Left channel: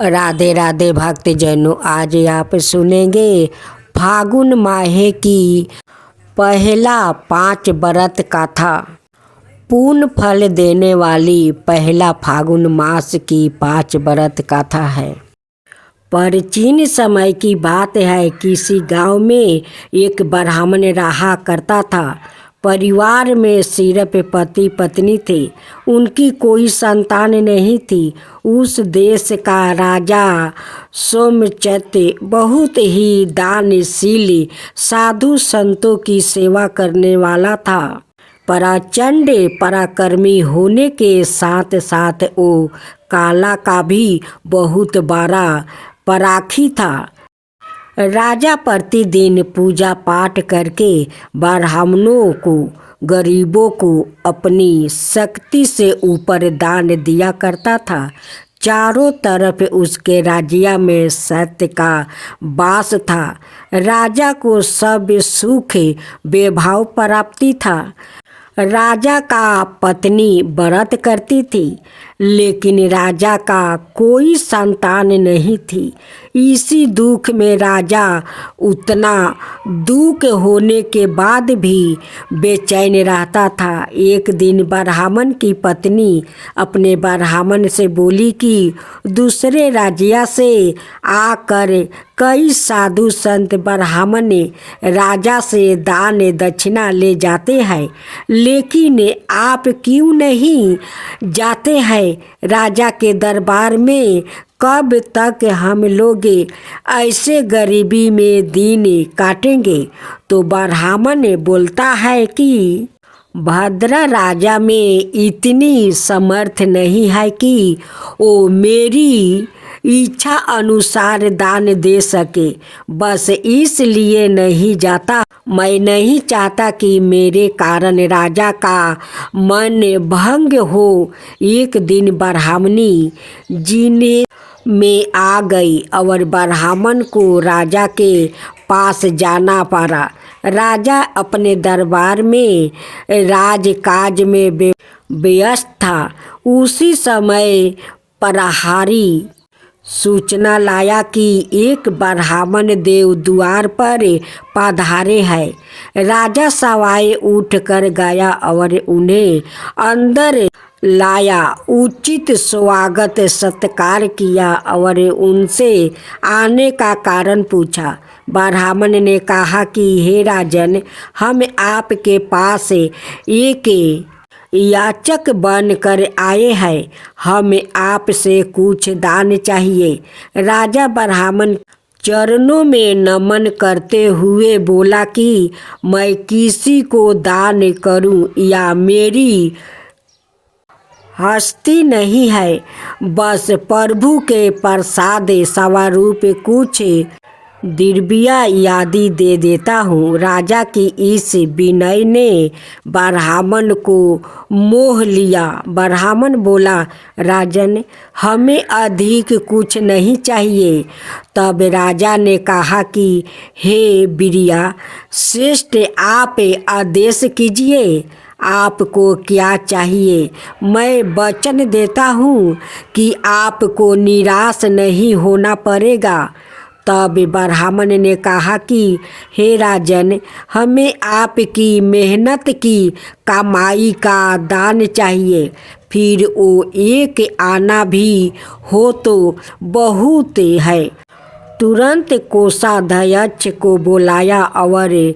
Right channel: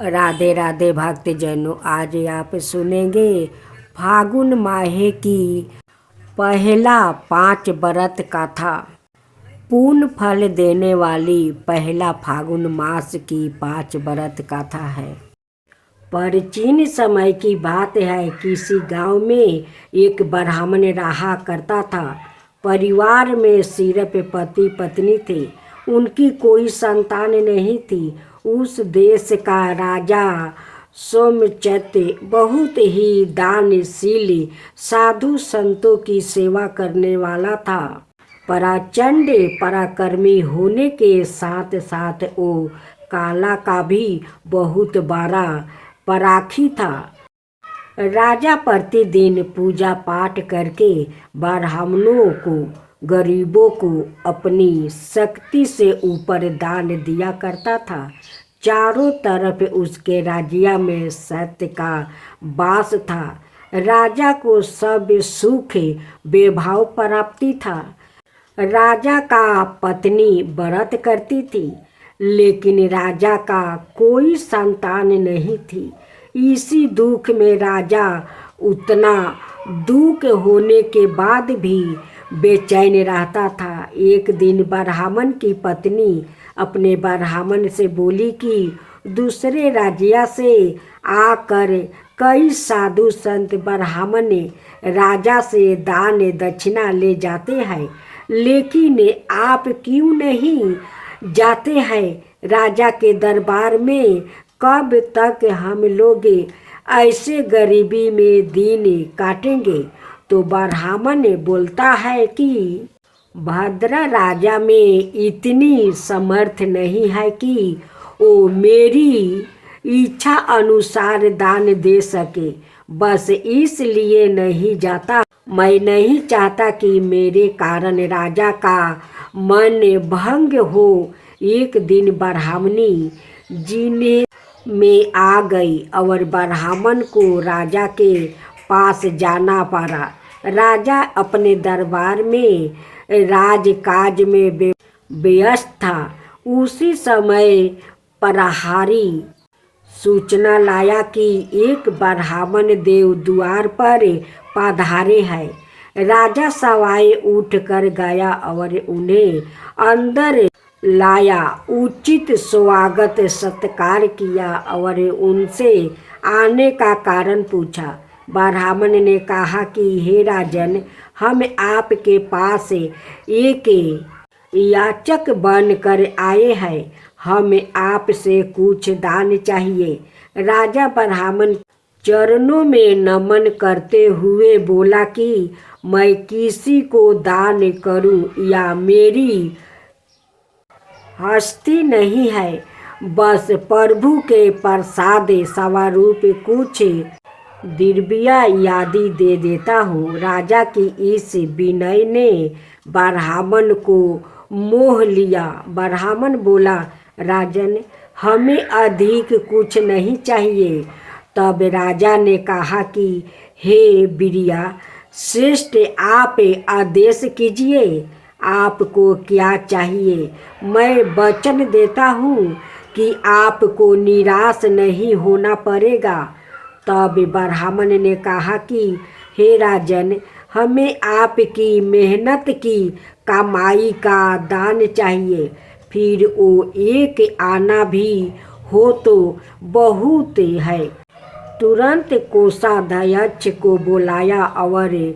राधे राधे भक्तजनों, आज आप सुनेंगे फागुन माह की पहला 5 व्रत कथा। पूर्ण फल देने वाली पहला फागुन मास की 5 व्रत कथा है। प्राचीन समय की बात है, किसी गांव में एक ब्राह्मण रहा करता था। परिवार में सिर्फ पति पत्नी थे, उनकी कोई संतान नहीं थी। उस देश का राजा सोमचैत्य बहुत ही दानशील, साधु संतों की सेवा करने वाला था। प्रचंड पराक्रमी होने के साथ साथ वो कला का भी बहुत बड़ा पराखी था। राजा प्रतिदिन पूजा पाठ करके ब्राह्मणों को, गरीबों को अपनी शक्ति से ऊपर दान दिया करता था। चारों तरफ उसके राज्य में सत्य का वास था। राजा को सब सुख वैभव प्राप्ति था। राजा का पत्नी व्रत करती थी, लेकिन राजा का कोई संतान नहीं थी। इसी दुख में राजा उतना दुख होने के बाद भी बेचैन रहता था। एक दिन ब्राह्मण की पत्नी अपने ब्राह्मण से बोली कि दूसरे राज्य से आकर कई साधु संत ब्राह्मण राजा से दान दक्षिणा ले जाते हैं, लेकिन आप क्यों नहीं जाते हैं राजा के दरबार में? कब तक हम लोग ऐसे गरीबी में दिन काटेंगे? तो ब्राह्मण बोलता है कि भद्र राजा में इतनी समर्थ नहीं है कि वो मेरी इच्छा अनुसार दान दे सके। बस इसलिए नहीं जाता। मैं नहीं चाहता कि मेरे कारण राजा का मन भंग हो। एक दिन ब्राह्मणी जीने में आ गई और ब्राह्मण को राजा के पास जाना पड़ा। राजा अपने दरबार में राजकाज में व्यस्त था। उसी समय प्रहरी सूचना लाया कि एक ब्राह्मण देव द्वार पर पधारे हैं। राजा सवाए उठ कर गया और उन्हें अंदर लाया, उचित स्वागत सत्कार किया और उनसे आने का कारण पूछा। ब्राह्मण ने कहा कि हे राजन, हम आपके पास एक याचक बनकर आए हैं। हमें आपसे कुछ दान चाहिए। राजा ब्राह्मण चरणों में नमन करते हुए बोला कि मैं किसी को दान करूं या मेरी हस्ती नहीं है, बस प्रभु के प्रसाद स्वरूप कुछ द्रव्य आदि दे देता हूँ। राजा की इस विनय ने ब्राह्मण को मोह लिया। ब्राह्मण बोला, राजन, हमें अधिक कुछ नहीं चाहिए। तब राजा ने कहा कि हे वीर्या श्रेष्ठ, आप आदेश कीजिए, आपको क्या चाहिए? मैं वचन देता हूँ कि आपको निराश नहीं होना पड़ेगा। तब ब्राह्मण ने कहा कि हे राजन, हमें आपकी मेहनत की कमाई का दान चाहिए। फिर वो एक आना भी हो तो बहुत है। तुरंत कोषाध्यक्ष को बुलाया और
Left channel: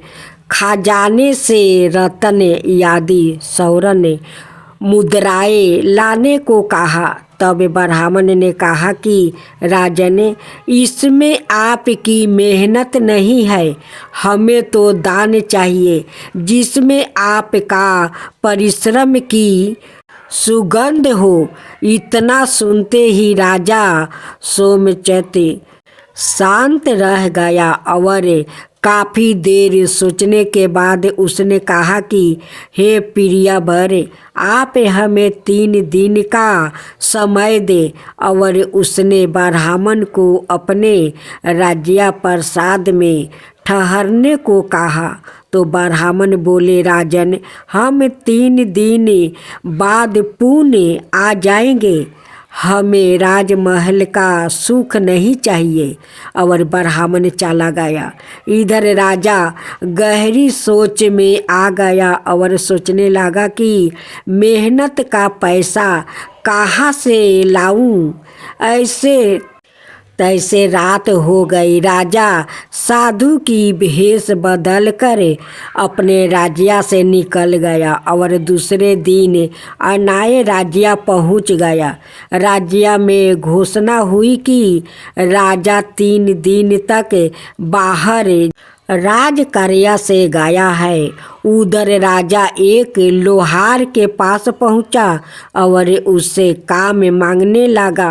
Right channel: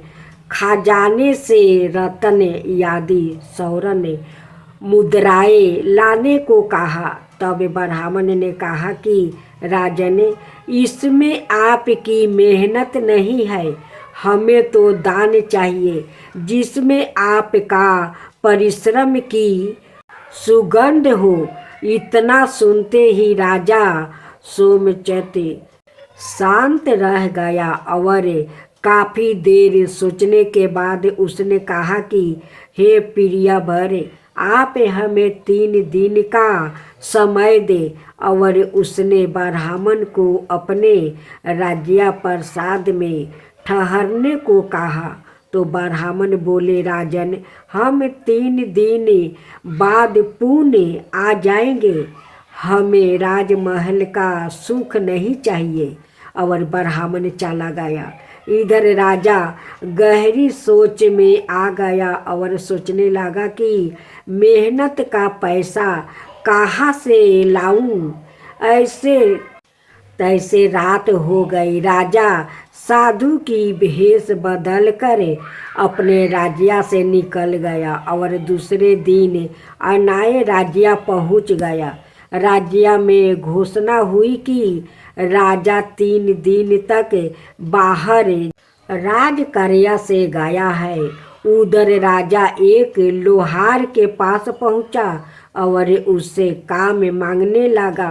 खजाने से रत्न आदि स्वर्ण मुद्राएं लाने को कहा। तब ब्राह्मण ने कहा कि राजन, इसमें आपकी मेहनत नहीं है, हमें तो दान चाहिए जिसमें आपका परिश्रम की सुगंध हो। इतना सुनते ही राजा सोमचैत्य शांत रह गया और काफ़ी देर सोचने के बाद उसने कहा कि हे प्रियवर, आप हमें 3 दिन का समय दे। और उसने ब्राह्मण को अपने राज्य प्रसाद में ठहरने को कहा। तो ब्राह्मण बोले, राजन, हम 3 दिन बाद पुणे आ जाएंगे। हमें राजमहल का सुख नहीं चाहिए। और ब्राह्मण चला गया। इधर राजा गहरी सोच में आ गया और सोचने लगा कि मेहनत का पैसा कहाँ से लाऊं। ऐसे तैसे रात हो गई। राजा साधु की भेष बदल कर अपने राज्य से निकल गया और दूसरे दिन अनाय राज्य पहुंच गया। राज्य में घोषणा हुई कि राजा 3 दिन तक बाहर राजकार्य से गया है। उधर राजा एक लोहार के पास पहुंचा और उससे काम मांगने लगा।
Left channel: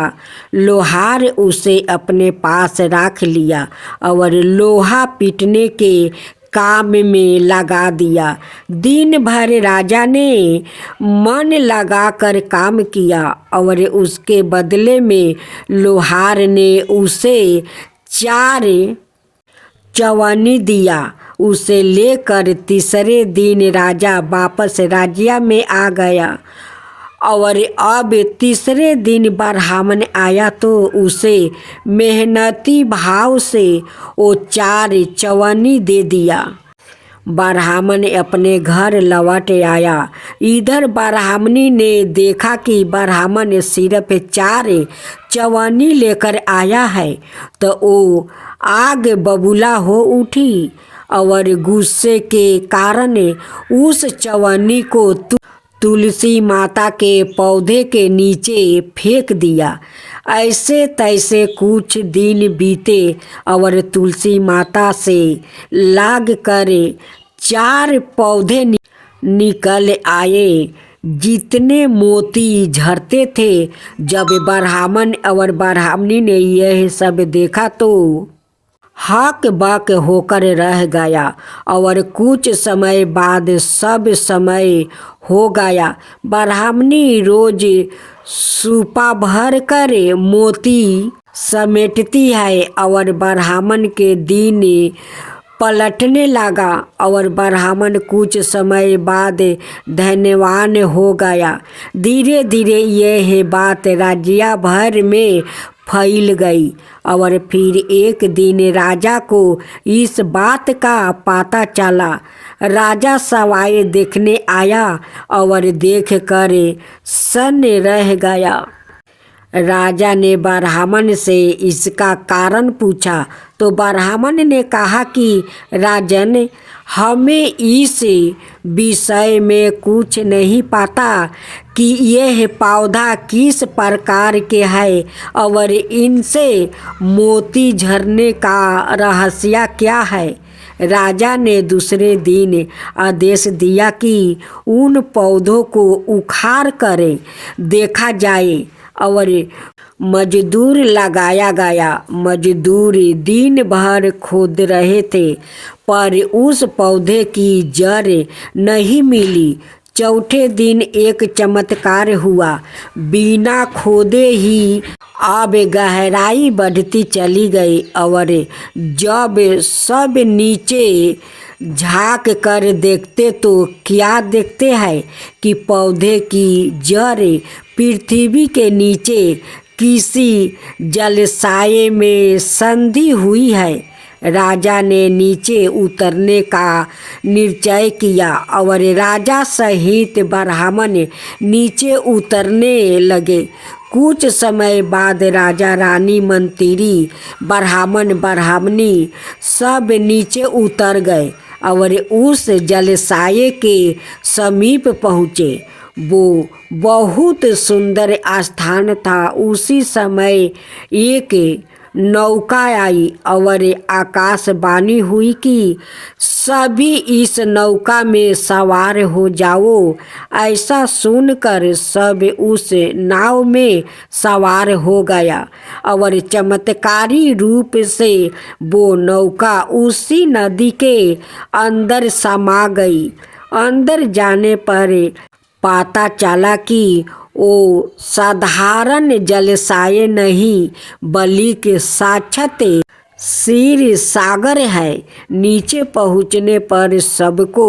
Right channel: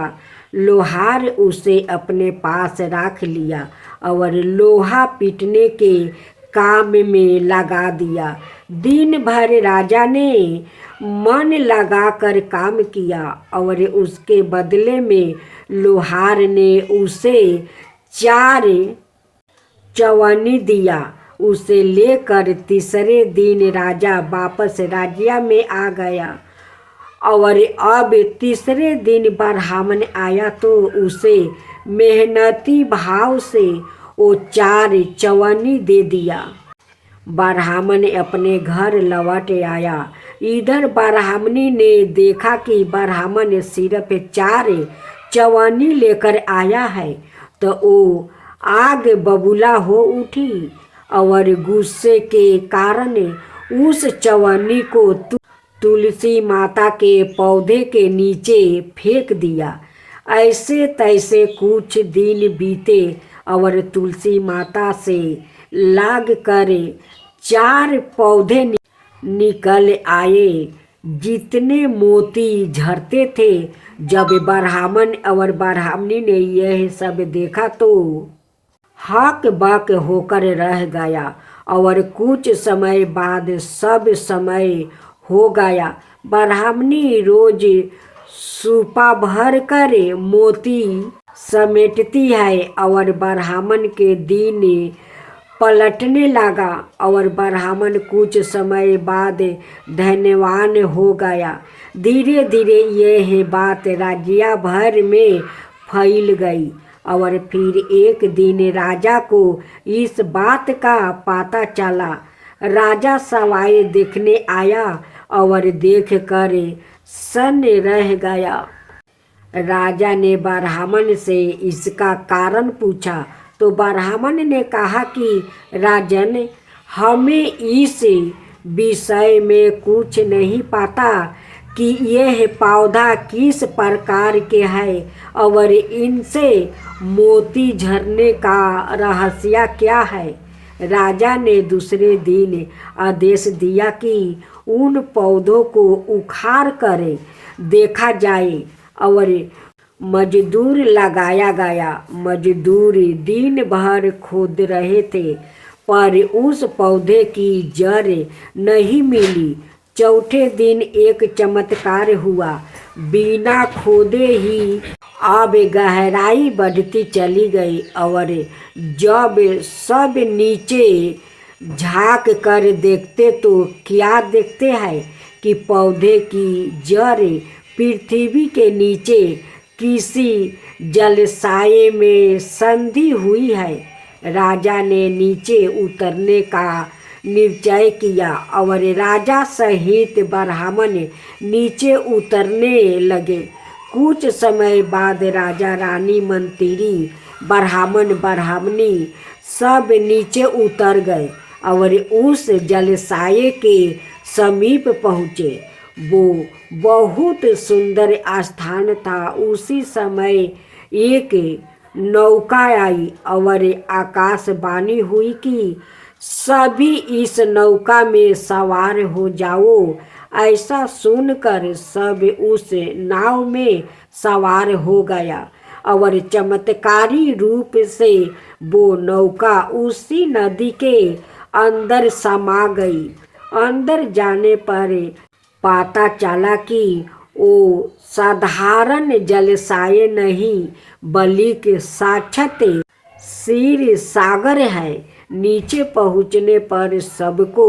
लोहार उसे अपने पास रख लिया और लोहा पीटने के काम में लगा दिया। दिन भर राजा ने मन लगाकर काम किया और उसके बदले में लोहार ने उसे 4 चवन्नी दिया। उसे लेकर तीसरे दिन राजा वापस राज्य में आ गया और अब तीसरे दिन ब्राह्मण आया तो उसे मेहनती भाव से वो 4 चवन्नी दे दिया। ब्राह्मण अपने घर लौट आया। इधर ब्राह्मणी ने देखा कि ब्राह्मण सिर्फ 4 चवन्नी लेकर आया है तो वो आग बबूला हो उठी और गुस्से के कारण उस चवन्नी को तुलसी माता के पौधे के नीचे फेंक दिया। ऐसे तैसे कुछ दिन बीते और तुलसी माता से लाग कर 4 पौधे निकल आए जितने मोती झरते थे। जब ब्राह्मण और ब्राह्मणी ने यह सब देखा तो हक बक होकर रह गया और कुछ समय बाद सब समय हो गया। ब्राह्मणी रोज सूपा भर कर मोती समेटती है और ब्राह्मण के दिन पलटने लगा और ब्राह्मण कुछ समय बाद धनवान हो गया। धीरे धीरे यह बात राज्य भर में फैल गई और फिर एक दिन राजा को इस बात का पता चला। राजा सवाई देखने आया और देख कर सन्न रह गया। राजा ने ब्राह्मण से इसका कारण पूछा तो ब्राह्मण ने कहा कि राजन, हमें इस विषय में कुछ नहीं पता कि यह पौधा किस प्रकार के है और इनसे मोती झरने का रहस्य क्या है। राजा ने दूसरे दिन आदेश दिया कि उन पौधों को उखाड़ कर देखा जाए और मजदूर लगाया गया। मजदूर दिन भर खोद रहे थे पर उस पौधे की जड़ नहीं मिली। चौथे दिन एक चमत्कार हुआ। बिना खोदे ही अब गहराई बढ़ती चली गई और जब सब नीचे झांक कर देखते तो क्या देखते हैं कि पौधे की जड़ पृथ्वी के नीचे किसी जलाशय में संधी हुई है। राजा ने नीचे उतरने का निश्चय किया और राजा सहित ब्राह्मण नीचे उतरने लगे। कुछ समय बाद राजा, रानी, मंत्री, ब्राह्मण, ब्राह्मणी सब नीचे उतर गए और उस जलाशय के समीप पहुँचे। वो बहुत सुंदर स्थान था। उसी समय एक नौका आई और आकाशवाणी हुई कि सभी इस नौका में सवार हो जाओ। ऐसा सुनकर सब उस नाव में सवार हो गया और चमत्कारी रूप से वो नौका उसी नदी के अंदर समा गई। अंदर जाने पर पता चला कि वो साधारण जलाशय नहीं बल्कि साक्षात क्षीर सागर है। नीचे पहुँचने पर सबको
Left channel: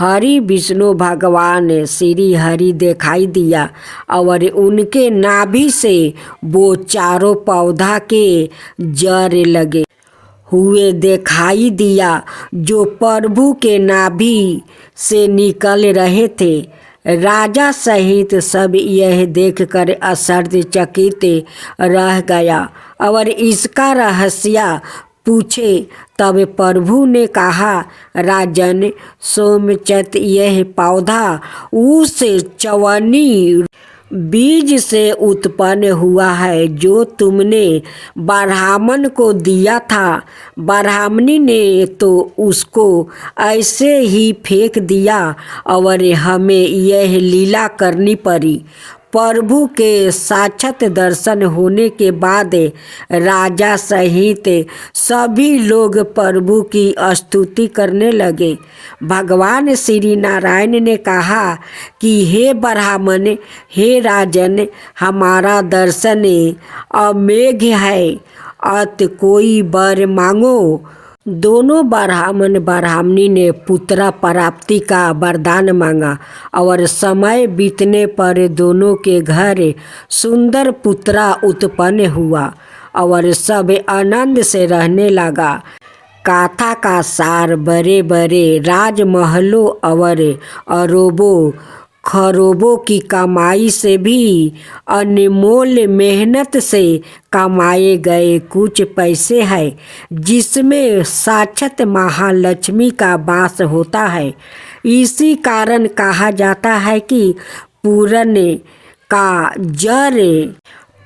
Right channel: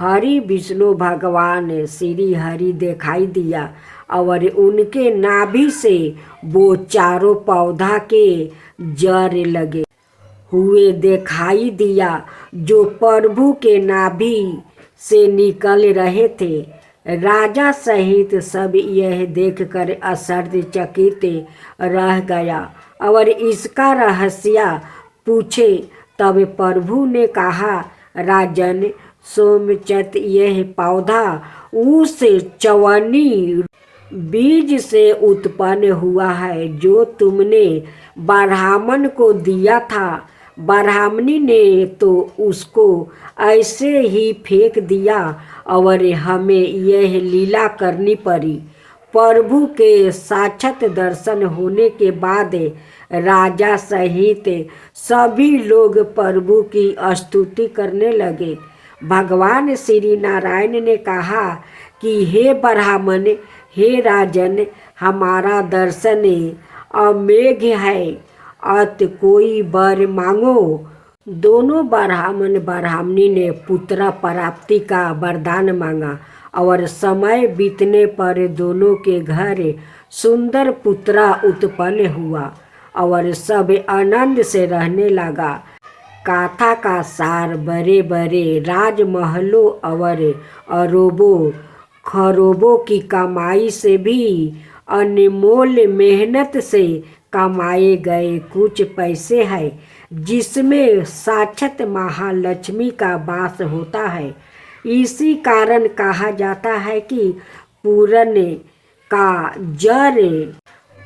हरि विष्णु भगवान श्री हरि दिखाई दिया और उनके नाभि से वो चारों पौधा के जड़ लगे हुए दिखाई दिया जो प्रभु के नाभि से निकल रहे थे। राजा सहित सब यह देखकर आश्चर्यचकित रह गया और इसका रहस्य पूछे। तब प्रभु ने कहा, राजन सोमचंद, यह पौधा उस चवन्नी बीज से उत्पन्न हुआ है जो तुमने ब्राह्मण को दिया था। ब्राह्मणी ने तो उसको ऐसे ही फेंक दिया और हमें यह लीला करनी पड़ी। प्रभु के साक्षात दर्शन होने के बाद राजा सहित सभी लोग प्रभु की स्तुति करने लगे। भगवान श्री नारायण ने कहा कि हे ब्राह्मण, हे राजन, हमारा दर्शन अमेघ है, अत कोई वर मांगो। दोनों ब्राह्मण ब्राह्मणी ने पुत्र प्राप्ति का वरदान मांगा और समय बीतने पर दोनों के घर सुंदर पुत्र उत्पन्न हुआ और सब आनंद से रहने लगा। कथा का सार बड़े बड़े राजमहलों और अरबों खरबों की कमाई से भी अनमोल मेहनत से कमाए गए कुछ पैसे हैं जिसमें साक्षात महालक्ष्मी का वास होता है। इसी कारण कहा जाता है कि पूरन का जड़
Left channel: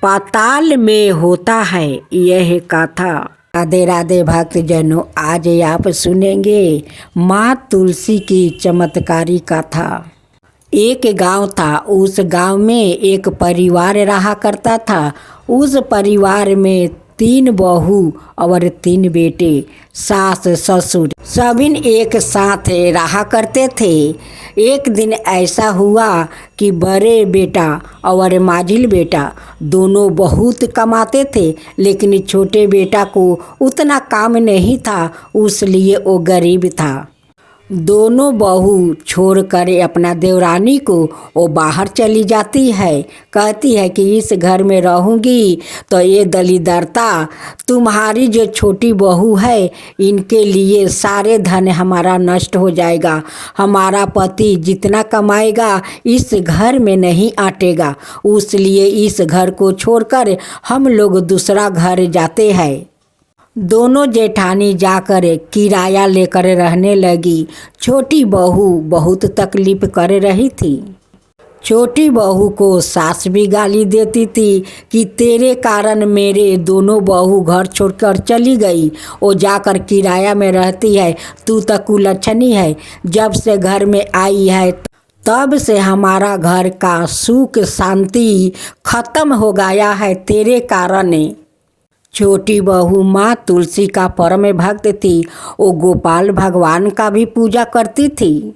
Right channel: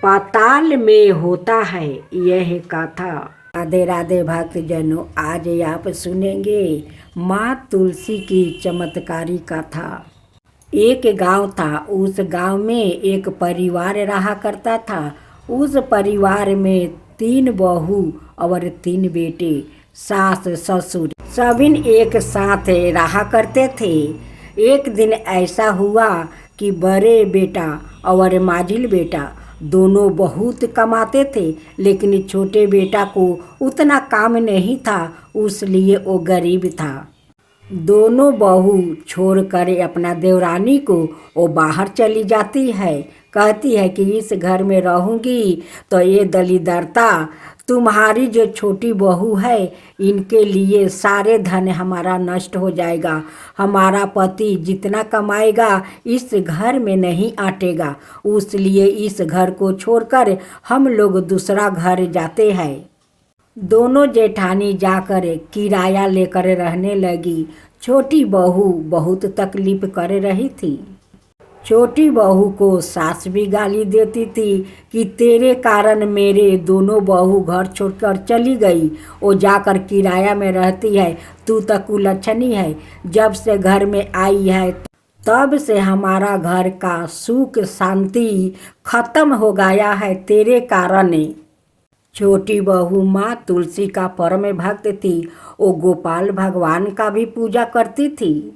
पाताल में होता है। यह कथा। राधे राधे भक्तजनों, आज आप सुनेंगे माँ तुलसी की चमत्कारी कथा। एक गांव था। उस गांव में एक परिवार रहा करता था। उस परिवार में 3 बहू और 3 बेटे, सास ससुर सभी एक साथ रहा करते थे। एक दिन ऐसा हुआ कि बड़े बेटा और माझिल बेटा दोनों बहुत कमाते थे, लेकिन छोटे बेटा को उतना काम नहीं था, इसलिए वो गरीब था। दोनों बहू छोड़कर अपना देवरानी को वो बाहर चली जाती है। कहती है कि इस घर में रहूँगी तो ये दलिद्रता, तुम्हारी जो छोटी बहू है इनके लिए सारे धन हमारा नष्ट हो जाएगा। हमारा पति जितना कमाएगा इस घर में नहीं आटेगा, इसलिए इस घर को छोड़कर हम लोग दूसरा घर जाते हैं। दोनों जेठानी जाकर किराया लेकर रहने लगी। छोटी बहू बहुत तकलीफ कर रही थी। छोटी बहू को सास भी गाली देती थी कि तेरे कारण मेरे दोनों बहू घर छोड़कर चली गई, वो जाकर किराया में रहती है, तू तो कुलच्छनी है। जब से घर में आई है तब से हमारा घर का सुख शांति खत्म हो गया है तेरे कारण। छोटी बहू माँ तुलसी का परम भक्त थी। वो गोपाल भगवान का भी पूजा करती थी।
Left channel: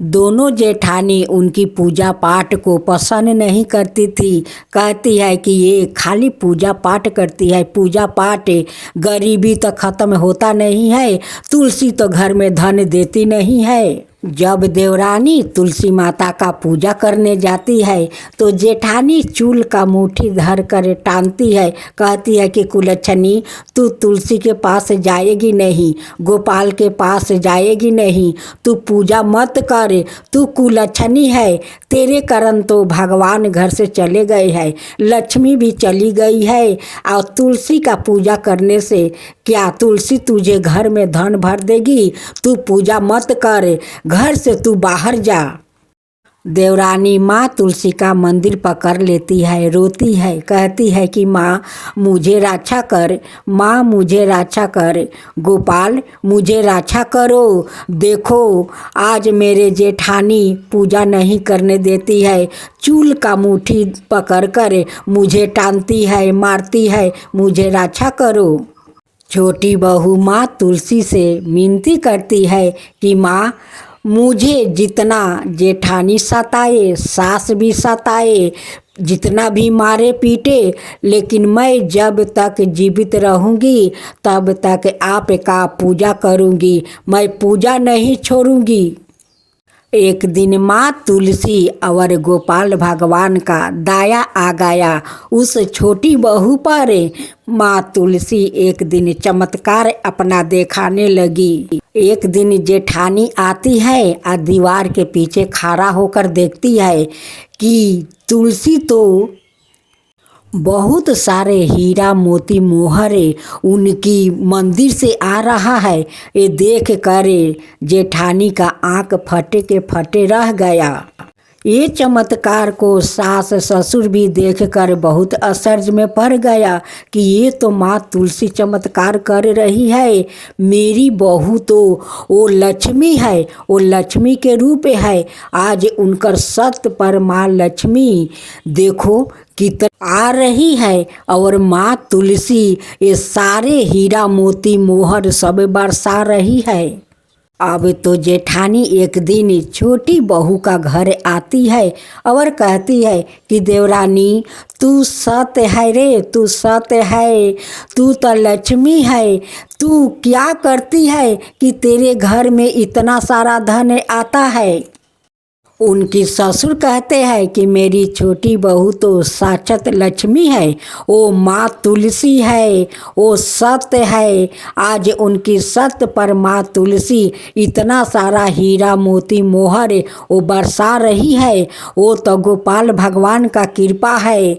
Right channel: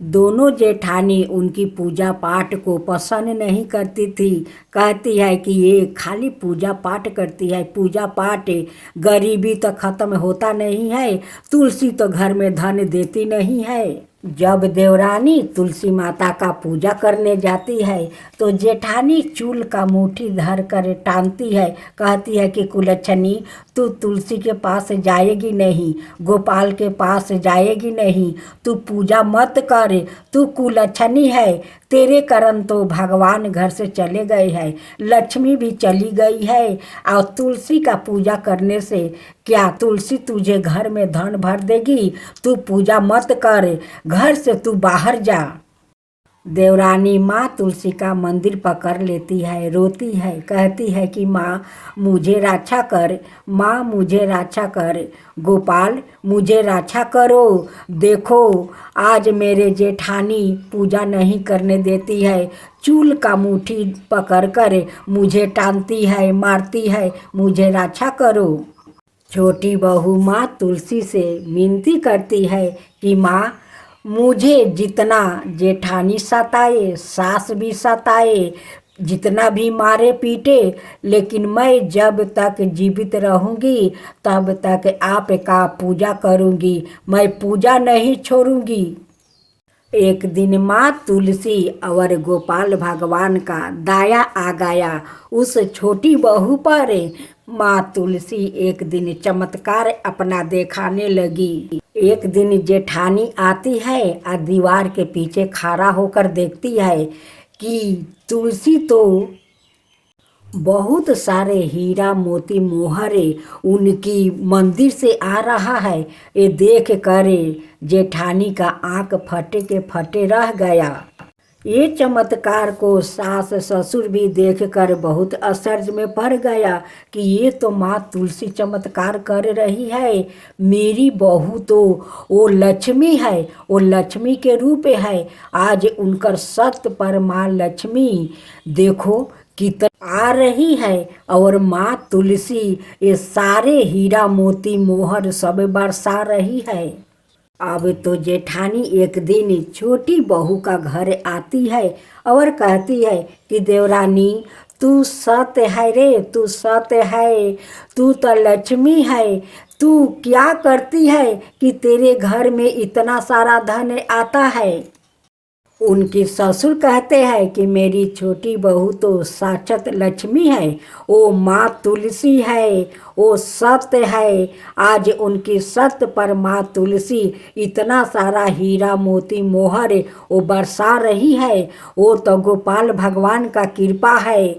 दोनों जेठानी उनकी पूजा पाठ को पसंद नहीं करती थी। कहती है कि ये खाली पूजा पाठ करती है, पूजा पाठ, गरीबी तो ख़त्म होता नहीं है, तुलसी तो घर में धन देती नहीं है। जब देवरानी तुलसी माता का पूजा करने जाती है तो जेठानी चूल का मुट्ठी धर कर टानती है। कहती है कि कुलच्छनी, तू तुलसी के पास जाएगी नहीं, गोपाल के पास जाएगी नहीं, तू पूजा मत कर, तू कुलच्छनी है। तेरे कारण तो भगवान घर से चले गए हैं, लक्ष्मी भी चली गई है, और तुलसी का पूजा करने से क्या तुलसी तुझे घर में धन भर देगी? तू पूजा मत कर, घर से तू बाहर जा। देवरानी माँ तुलसी का मंदिर पकड़ लेती है, रोती है, कहती है कि माँ मुझे रक्षा कर, माँ मुझे रक्षा कर, गोपाल मुझे रक्षा करो। देखो आज मेरे जेठानी पूजा नहीं करने देती है, चूल का मुट्ठी पकड़ कर मुझे टानती है, मारती है, मुझे रक्षा करो। छोटी बहू माँ तुलसी से विनती करती है कि माँ मुझे जितना जेठानी सताए, सास भी सताए, जितना भी मारे पीटे, लेकिन मैं जब तक जीवित रहूँगी तब तक आपका पूजा करूँगी, मैं पूजा नहीं छोड़ूँगी। एक दिन माँ तुलसी और गोपाल भगवान का दाया आ गया उस छोटी बहू पर। माँ तुलसी एक दिन चमत्कार अपना दिखाने लगी। एक दिन जेठानी आती है और दीवार के पीछे खड़ा होकर देखती है कि तुलसी तो बहुत सारे हीरा मोती मोहरे उनकी मंदिर से आ रहा है। ये देख कर जेठानी का आंख फटे के फटे रह गया। ये चमत्कार को सास ससुर भी देखकर बहुत आश्चर्य में पड़ गया कि ये तो माँ तुलसी चमत्कार कर रही है। मेरी बहू तो वो लक्ष्मी है, वो लक्ष्मी के रूप है। आज उनकर सत्य पर माँ लक्ष्मी देखो कितना आ रही है और माँ तुलसी ये सारे हीरा मोती मोहर सब बरसा रही है। अब तो जेठानी एक दिन छोटी बहू का घर आती है और कहती है कि देवरानी तू सत्य है रे, तू सत्य है, तू तो लक्ष्मी है। तू क्या करती है कि तेरे घर में इतना सारा धन आता है। उनकी ससुर कहते हैं कि मेरी छोटी बहू तो साक्षात लक्ष्मी है, वो माँ तुलसी है, वो सत्य है। आज उनकी सत्य पर माँ तुलसी इतना सारा हीरा मोती मोहर वो बरसा रही है। वो तो गोपाल भगवान का कृपा है।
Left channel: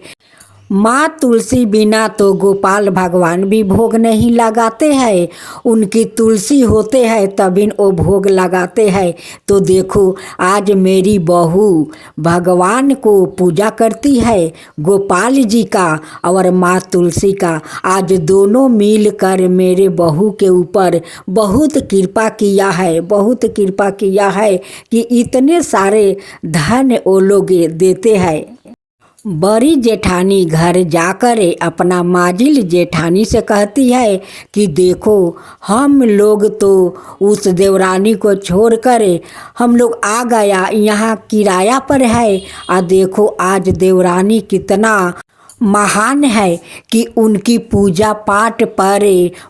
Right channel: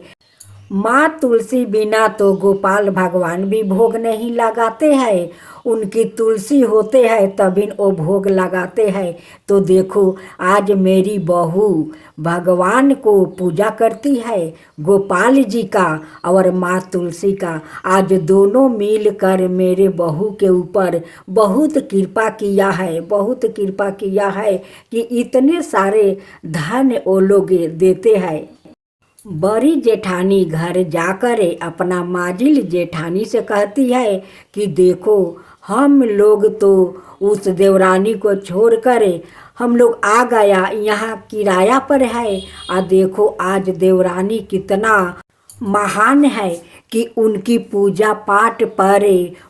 माँ तुलसी बिना तो गोपाल भगवान भी भोग नहीं लगाते हैं। उनकी तुलसी होते हैं तभी वो भोग लगाते हैं। तो देखो आज मेरी बहू भगवान को पूजा करती है, गोपाल जी का और माँ तुलसी का। आज दोनों मिलकर मेरे बहू के ऊपर बहुत कृपा किया है, बहुत कृपा किया है कि इतने सारे धन वो लोग देते हैं। बड़ी जेठानी घर जाकर अपना माजिल जेठानी से कहती है कि देखो हम लोग तो उस देवरानी को छोड़कर हम लोग आ गया, यहाँ किराया पर है। और देखो आज देवरानी कितना महान है कि उनकी पूजा पाठ पर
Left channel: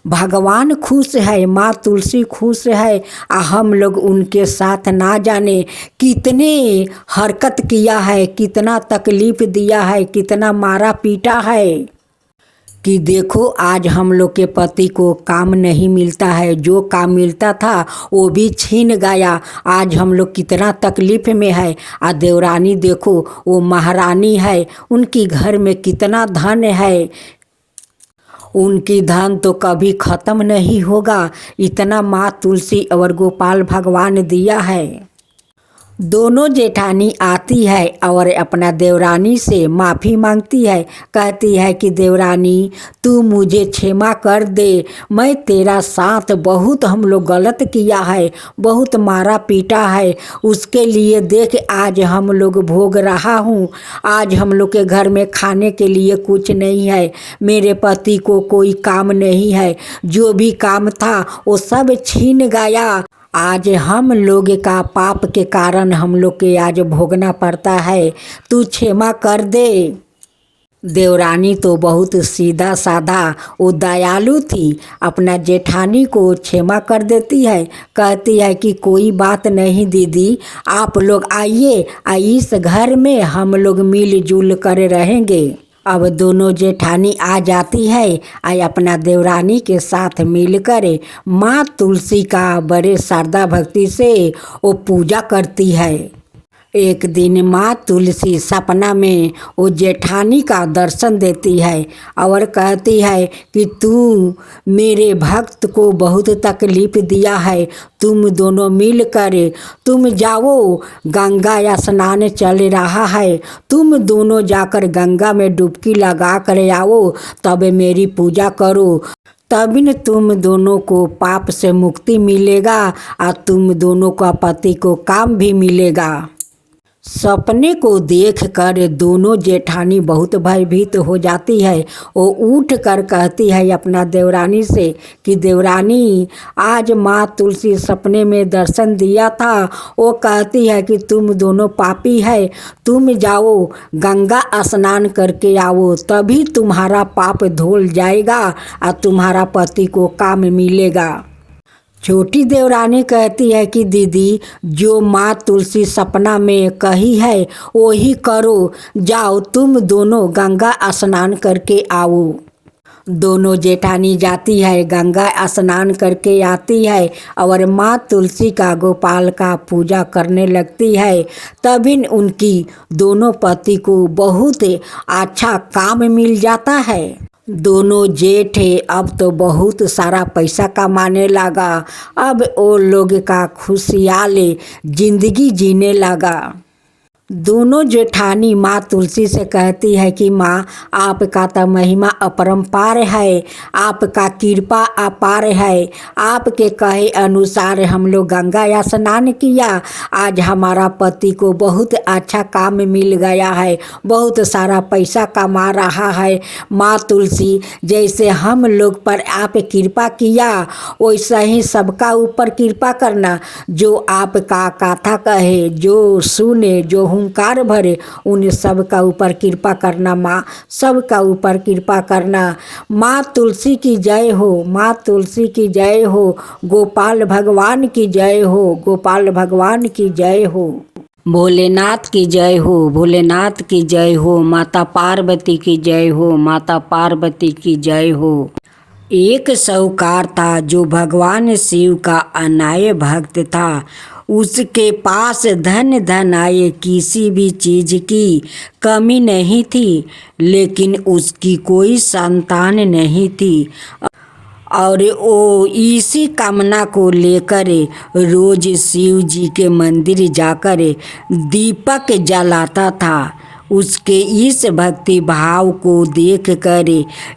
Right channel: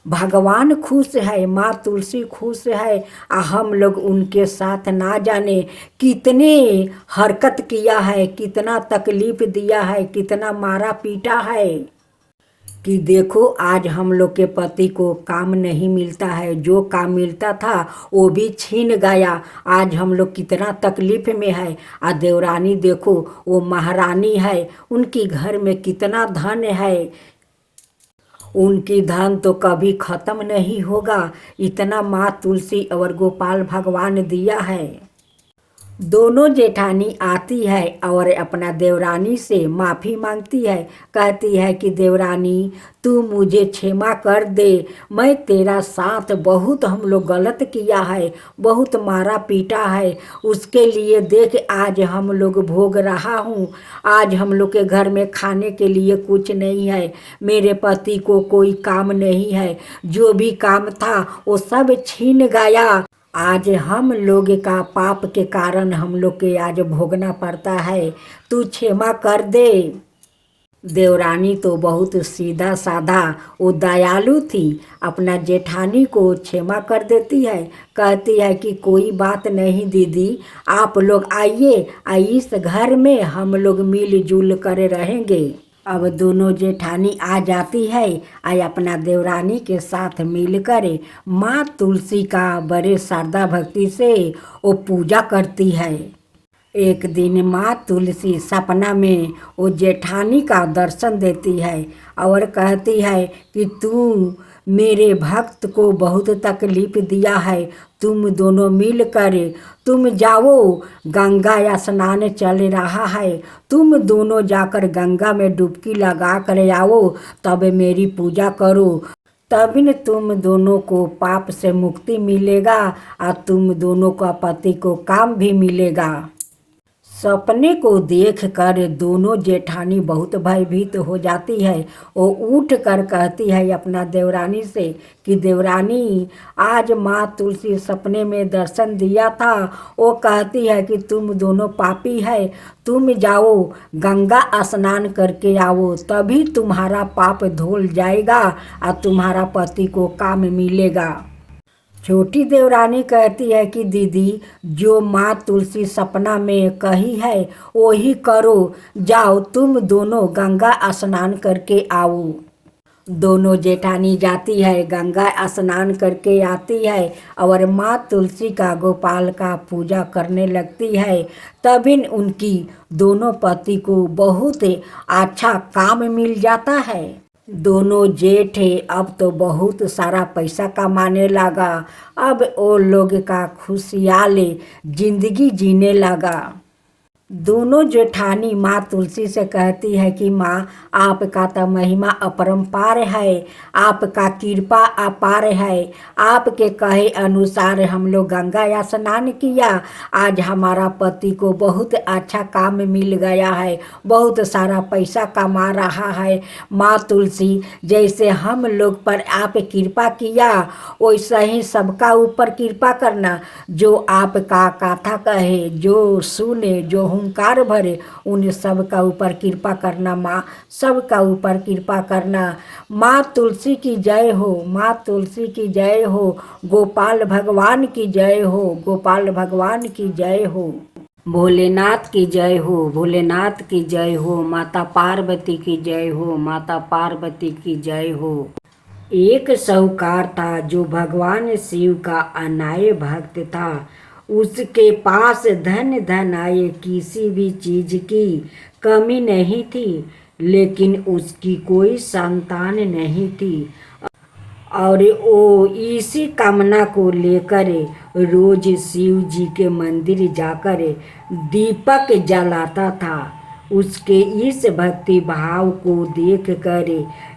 भगवान खुश है, माँ तुलसी खुश है। हम लोग उनके साथ ना जाने कितने हरकत किया है, कितना तकलीफ दिया है, कितना मारा पीटा है कि देखो आज हम लोग के पति को काम नहीं मिलता है, जो काम मिलता था वो भी छीन गया। आज हम लोग कितना तकलीफ में है। आ देवरानी देखो वो महारानी है, उनकी घर में कितना धन है, उनकी धन तो कभी ख़त्म नहीं होगा। इतना माँ तुलसी और गोपाल भगवान दिया है। दोनों जेठानी आती है और अपना देवरानी से माफ़ी मांगती है। कहती है कि देवरानी तू मुझे क्षमा कर दे, मैं तेरा साथ बहुत हम लोग गलत किया है, बहुत मारा पीटा है। उसके लिए देख आज हम लोग भोग रहा हूँ। आज हम लोग के घर में खाने के लिए कुछ नहीं है, मेरे पति को कोई काम नहीं है, जो भी काम था वो सब छीन गया। आज हम लोग का पाप के कारण हम लोग के आज भोगना पड़ता है, तू क्षमा कर दे। देवरानी तो बहुत सीधा साधा वो दयालु थी, अपना जेठानी को क्षमा कर देती है। कहती है कि कोई बात नहीं दीदी, आप लोग आइए, इस घर में हम लोग मिलजुल कर रहेंगे। अब दोनों जेठानी आ जाती है और अपना देवरानी के साथ मिलकर माँ तुलसी का बड़े श्रद्धा भक्ति से वो पूजा करती है। एक दिन माँ तुलसी सपना में वो जेठानी का दर्शन देती है और कहती है कि तू मेरे भक्त को बहुत तकलीफ दिया है, तुम दोनों मिलकर तुम जाओ, गंगा स्नान चल रहा है, तुम दोनों जाकर गंगा में डुबकी लगा कर आओ, तब मेरी पूजा करो, तभी न तुम दोनों को पाप से मुक्ति मिलेगा और तुम दोनों का पति को काम भी मिलेगा। सपने को देखकर दोनों जेठानी बहुत भयभीत हो जाती है। वो उठ कर कहती है अपना देवरानी से कि देवरानी आज माँ तुलसी सपने में दर्शन दिया था, वो कहती है कि तुम दोनों पापी है, तुम जाओ गंगा स्नान करके आओ, तभी तुम्हारा पाप धुल जाएगा और तुम्हारा पति को काम मिलेगा। छोटी देवरानी कहती है कि दीदी, जो माँ तुलसी सपना में कही है वही करो। जाओ तुम दोनों गंगा स्नान करके आओ। दोनों जेठानी जाती है, गंगा स्नान करके आती है और माँ तुलसी का गोपाल का पूजा करने लगती है। तभी उनकी दोनों पति को बहुत अच्छा काम मिल जाता है। दोनों जेठ अब तो बहुत सारा पैसा कमाने लगा। अब वो लोग का खुशहाल जिंदगी जीने लगा। दोनों जेठानी माँ तुलसी से कहती है कि माँ, आपका तो महिमा अपरंपार है, आपका कृपा अपार है। आपके कहे अनुसार हम लोग गंगा स्नान किया, आज हमारा पति को बहुत अच्छा काम मिल गया है, बहुत सारा पैसा कमा रहा है। माँ तुलसी, जैसे हम लोग पर आप कृपा किया वैसा ही सबका ऊपर कृपा करना। जो आपका कथा कहे, जो सुने, जो हुंकार भरे, उन सब का ऊपर कृपा करना माँ, सब का ऊपर कृपा करना। माँ तुलसी की जय हो, माँ तुलसी की जय हो, गोपाल भगवान की जय हो, गोपाल भगवान की जय हो। भोलेनाथ की जय हो, भोलेनाथ की जय हो, माता पार्वती की जय हो, माता पार्वती की जय हो। एक साहूकार था जो भगवान शिव का अनाय भक्त था। उसके पास धन आए, किसी भी चीज की कमी नहीं थी, लेकिन उसकी कोई संतान नहीं थी। और वो इसी कामना को लेकर रोज शिव जी के मंदिर जाकर दीपक जलाता था। उसके इस भक्ति भाव को देखकर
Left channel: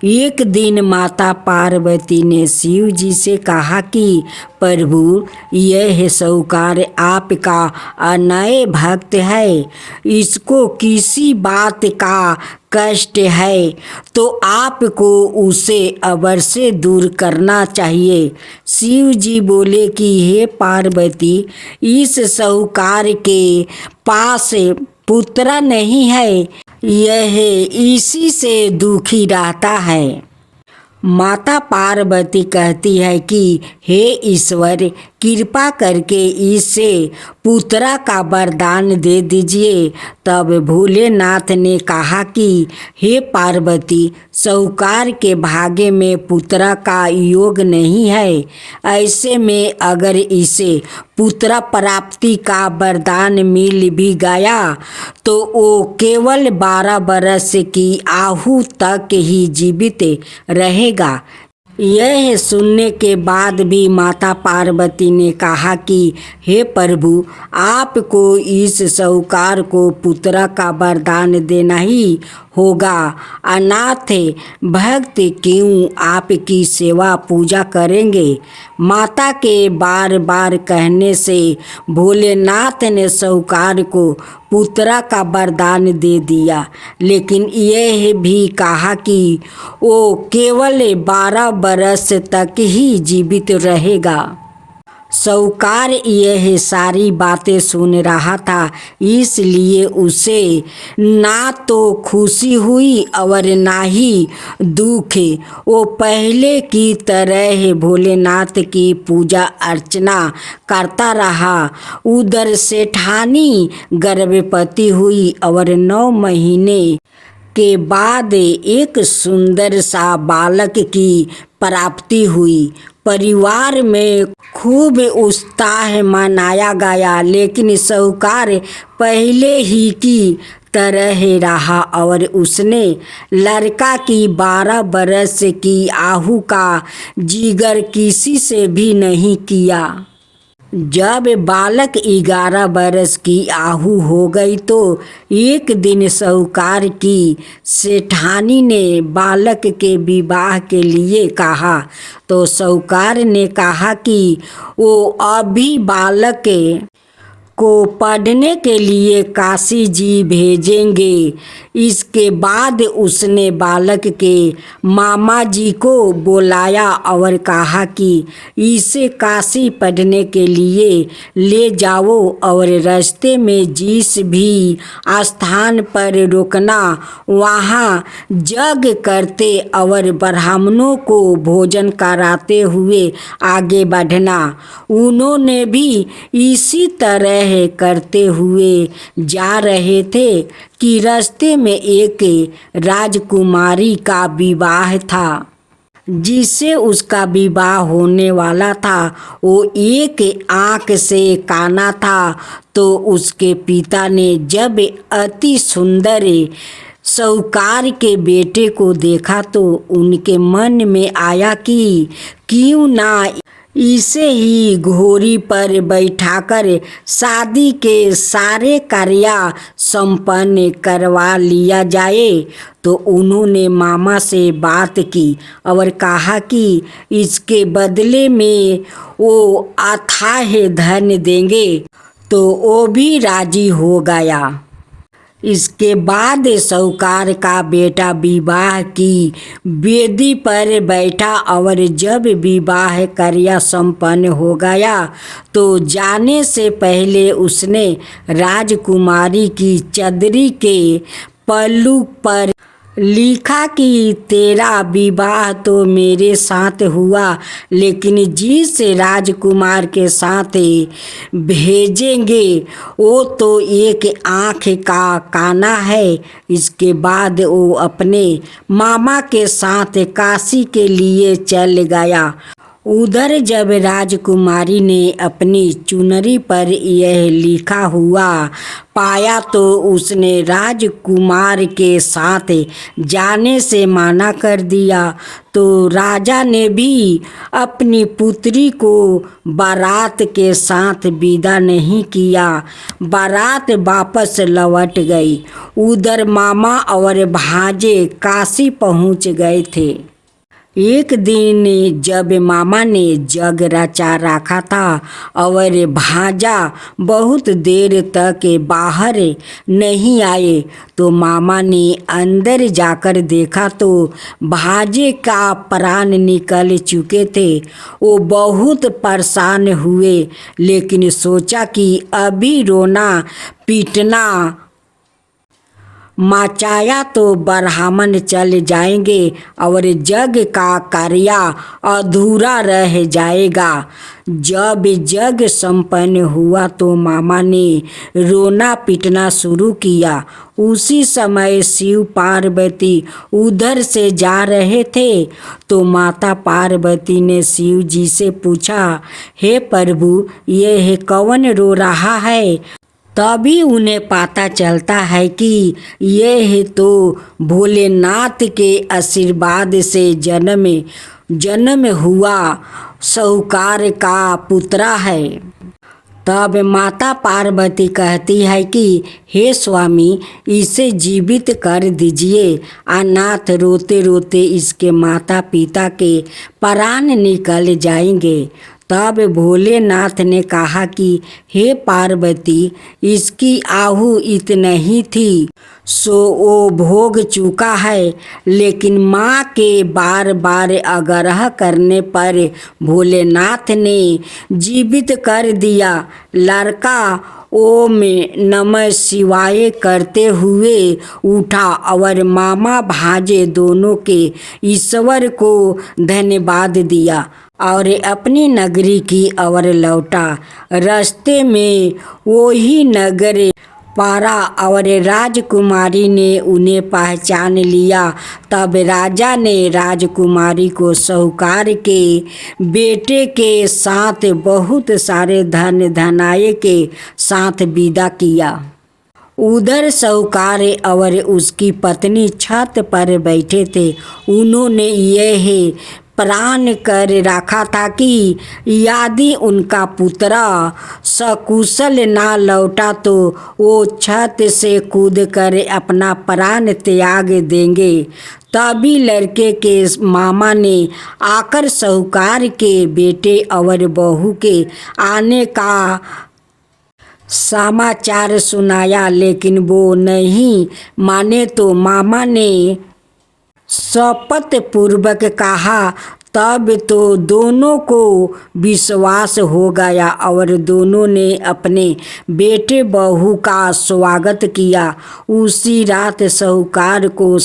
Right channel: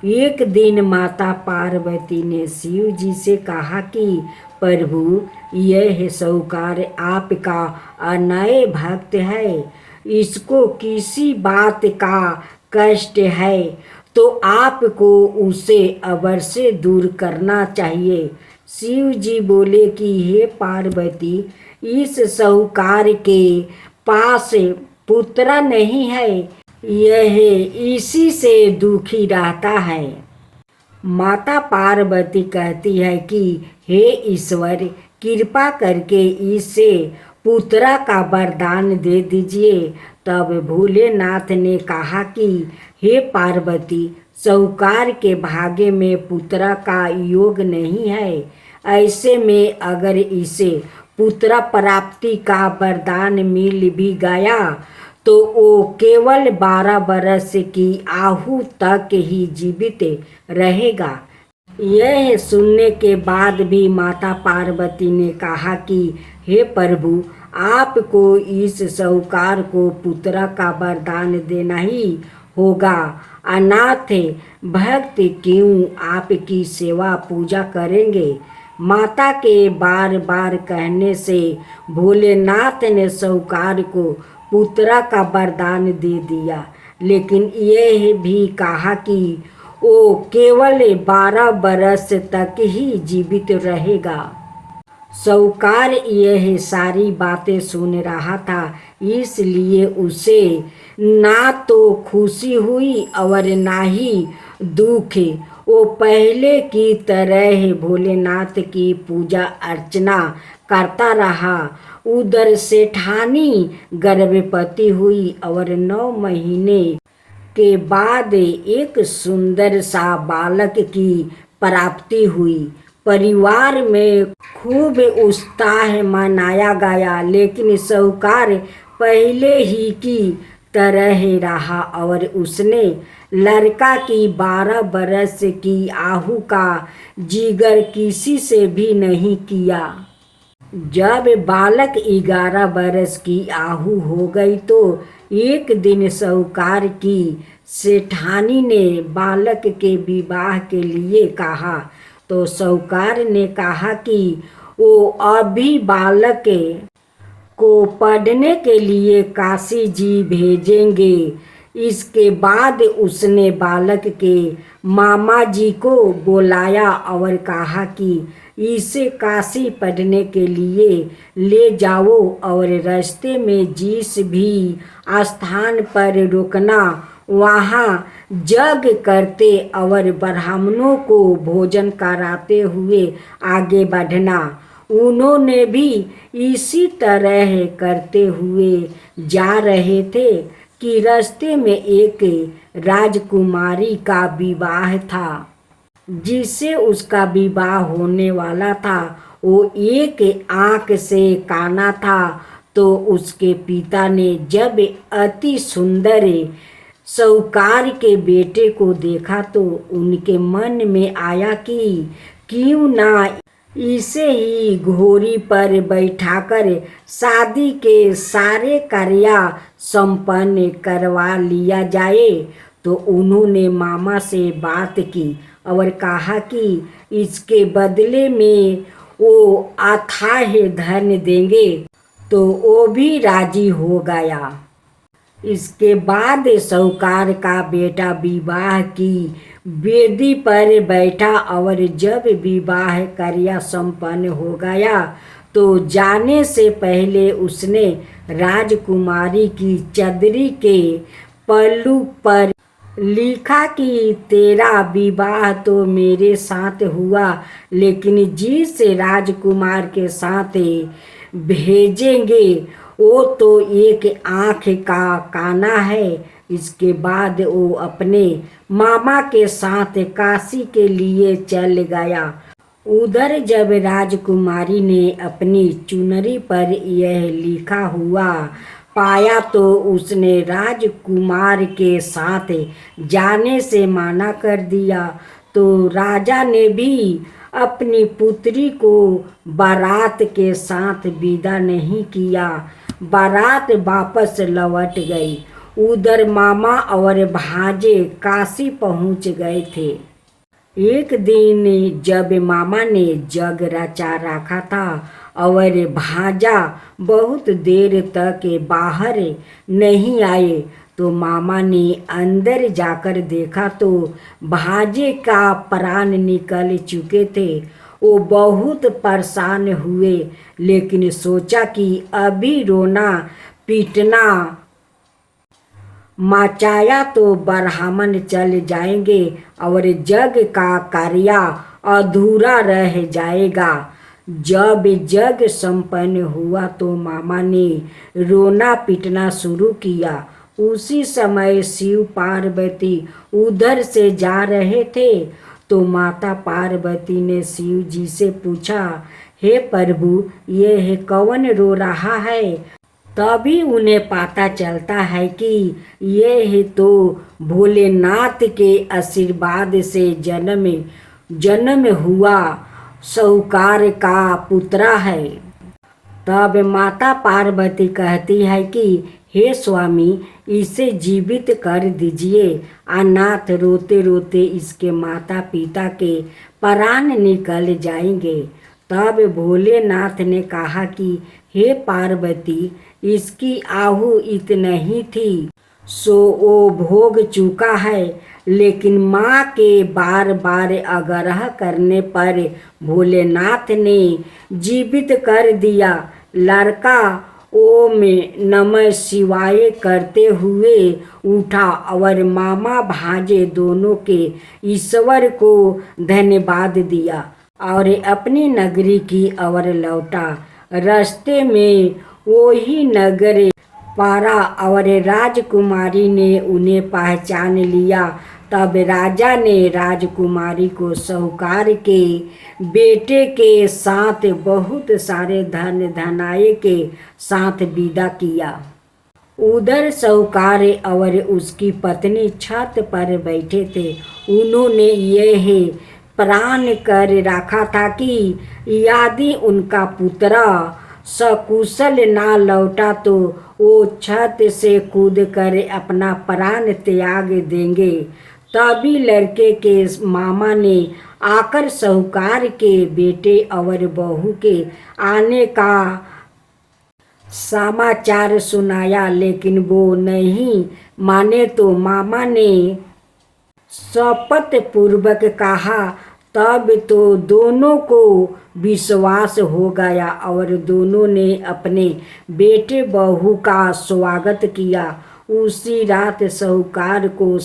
एक दिन माता पार्वती ने शिव जी से कहा कि प्रभु, यह साहूकार आपका अनय भक्त है, इसको किसी बात का कष्ट है तो आपको उसे अवश्य दूर करना चाहिए। शिव जी बोले कि हे पार्वती, इस साहूकार के पास पुत्र नहीं है, यह इसी से दुखी रहता है। माता पार्वती कहती है कि हे ईश्वर, कृपा करके इसे पुत्र का वरदान दे दीजिए। तब भोलेनाथ ने कहा कि हे पार्वती, साहूकार के भाग्य में पुत्र का योग नहीं है। ऐसे में अगर इसे पुत्र प्राप्ति का वरदान मिल भी गया तो वो केवल 12 बरस की आयु तक ही जीवित रहेगा। यह सुनने के बाद भी माता पार्वती ने कहा कि हे प्रभु, आपको इस साहूकार को पुत्र का वरदान देना ही होगा। अनाथ भक्त क्यों आपकी सेवा पूजा करेंगे। माता के बार बार कहने से भोलेनाथ ने साहूकार को पुत्र का वरदान दे दिया, लेकिन यह भी कहा कि वो केवल 12 बरस तक ही जीवित रहेगा। साहूकार यह सारी बातें सुन रहा था, इसलिए उसे ना तो खुशी हुई और ना ही दुख। वो पहले की तरह भोलेनाथ की पूजा अर्चना करता रहा। उधर सेठानी गर्भवती हुई और 9 महीने के बाद एक सुंदर सा बालक की प्राप्ति हुई। परिवार में खूब उत्साह मनाया गया, लेकिन साहूकार पहले ही की तरह रहा और उसने लड़का की 12 बरस की आयु का जिक्र किसी से भी नहीं किया। जब बालक 11 बरस की आयु हो गई तो एक दिन साहूकार की सेठानी ने बालक के विवाह के लिए कहा। तो साहूकार ने कहा कि वो अभी बालक को पढ़ने के लिए काशी जी भेजेंगे। इसके बाद उसने बालक के मामा जी को बुलाया और कहा कि इसे काशी पढ़ने के लिए ले जाओ और रास्ते में जिस भी स्थान पर रुकना वहाँ यज्ञ करते और ब्राह्मणों को भोजन कराते हुए आगे बढ़ना। उन्होंने भी इसी तरह करते हुए जा रहे थे कि रास्ते में एक राजकुमारी का विवाह था। जिससे उसका विवाह होने वाला था वो एक आँख से काना था। तो उसके पिता ने जब अति सुंदर साहूकार के बेटे को देखा तो उनके मन में आया कि क्यों ना इसे ही घोड़ी पर बैठाकर शादी के सारे कार्य संपन्न करवा लिया जाए। तो उन्होंने मामा से बात की और कहा कि इसके बदले में वो अथाह धन देंगे। तो वो भी राजी हो गया। इसके बाद साहूकार का बेटा विवाह की वेदी पर बैठा और जब विवाह कार्य संपन्न हो गया तो जाने से पहले उसने राजकुमारी की चदरी के पल्लू पर लिखा कि तेरा विवाह तो मेरे साथ हुआ, लेकिन जिस राजकुमार के साथ भेजेंगे वो तो एक आँख का काना है। इसके बाद वो अपने मामा के साथ काशी के लिए चल गया। उधर जब राजकुमारी ने अपनी चुनरी पर यह लिखा हुआ पाया तो उसने राजकुमार के साथ जाने से मना कर दिया। तो राजा ने भी अपनी पुत्री को बारात के साथ विदा नहीं किया। बारात वापस लौट गई। उधर मामा और भांजे काशी पहुंच गए थे। एक दिन जब मामा ने जग रचा रखा था और भांजा बहुत देर तक बाहर नहीं आए तो मामा ने अंदर जाकर देखा तो भांजे का प्राण निकल चुके थे। वो बहुत परेशान हुए, लेकिन सोचा कि अभी रोना पीटना मचाया तो ब्राह्मण चल जाएंगे और यज्ञ का कार्य अधूरा रह जाएगा। जब यज्ञ संपन्न हुआ तो मामा ने रोना पीटना शुरू किया। उसी समय शिव पार्वती उधर से जा रहे थे तो माता पार्वती ने शिव जी से पूछा, हे प्रभु, यह कौन रो रहा है? तभी उन्हें पता चलता है कि यह तो भोलेनाथ के आशीर्वाद से जन्म हुआ साहूकार का पुत्र है। तब माता पार्वती कहती है कि हे स्वामी, इसे जीवित कर दीजिए। अनाथ रोते रोते इसके माता पिता के प्राण निकल जाएंगे। तब भोलेनाथ ने कहा कि हे पार्वती, इसकी आहु इतना ही थी सो वो भोग चुका है। लेकिन माँ के बार बार आग्रह करने पर भोलेनाथ ने जीवित कर दिया। लड़का ओम नमः शिवाय करते हुए उठा और मामा भांजे दोनों के ईश्वर को धन्यवाद दिया और अपनी नगरी की ओर लौटा। रास्ते में वही नगर पारा और राजकुमारी ने उन्हें पहचान लिया। तब राजा ने राजकुमारी को साहूकार के बेटे के साथ बहुत सारे धन धनाये के साथ विदा किया। उधर साहूकार और उसकी पत्नी छत पर बैठे थे। उन्होंने यह प्रण कर रखा था कि यदि उनका पुत्र सकुशल ना लौटा तो वो छत से कूद कर अपना प्राण त्याग देंगे। तभी लड़के के मामा ने आकर साहूकार के बेटे और बहू के आने का समाचार सुनाया लेकिन वो नहीं माने तो मामा ने शपथ पूर्वक कहा। तब तो दोनों को विश्वास हो गया और दोनों ने अपने बेटे बहू का स्वागत किया। उसी रात साहूकार को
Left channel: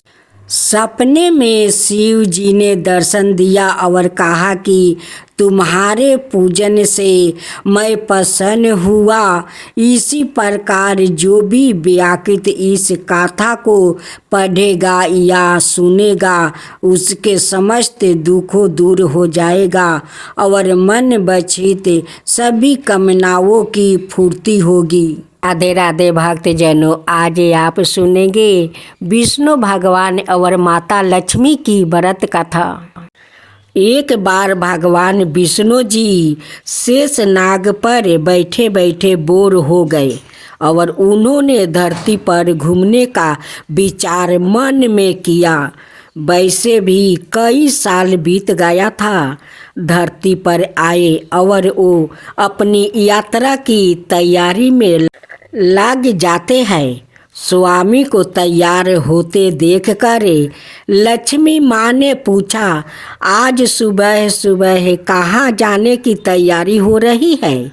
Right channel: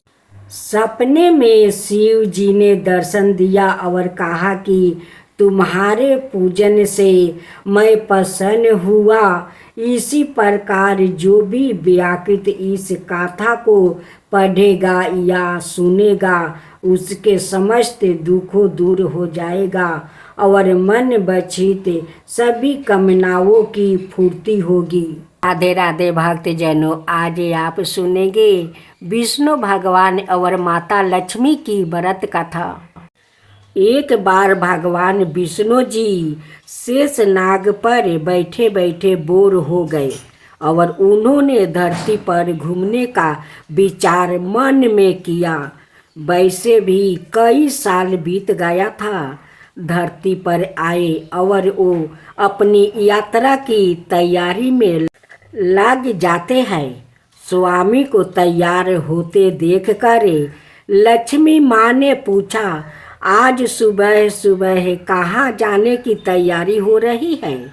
सपने में शिव जी ने दर्शन दिया और कहा कि तुम्हारे पूजन से मैं प्रसन्न हुआ। इसी प्रकार जो भी व्याकृत इस गाथा को पढ़ेगा या सुनेगा उसके समस्त दुखों दूर हो जाएगा और मन बचित सभी कामनाओं की पूर्ति होगी। राधे राधे भक्तजनों, आज आप सुनेंगे विष्णु भगवान और माता लक्ष्मी की व्रत कथा। एक बार भगवान विष्णु जी शेष नाग पर बैठे बैठे बोर हो गए और उन्होंने धरती पर घूमने का विचार मन में किया। वैसे भी कई साल बीत गया था। धरती पर आए और वो अपनी यात्रा की तैयारी में लग जाते हैं। स्वामी को तैयार होते देखकर लक्ष्मी माँ ने पूछा, आज सुबह सुबह कहाँ जाने की तैयारी हो रही है?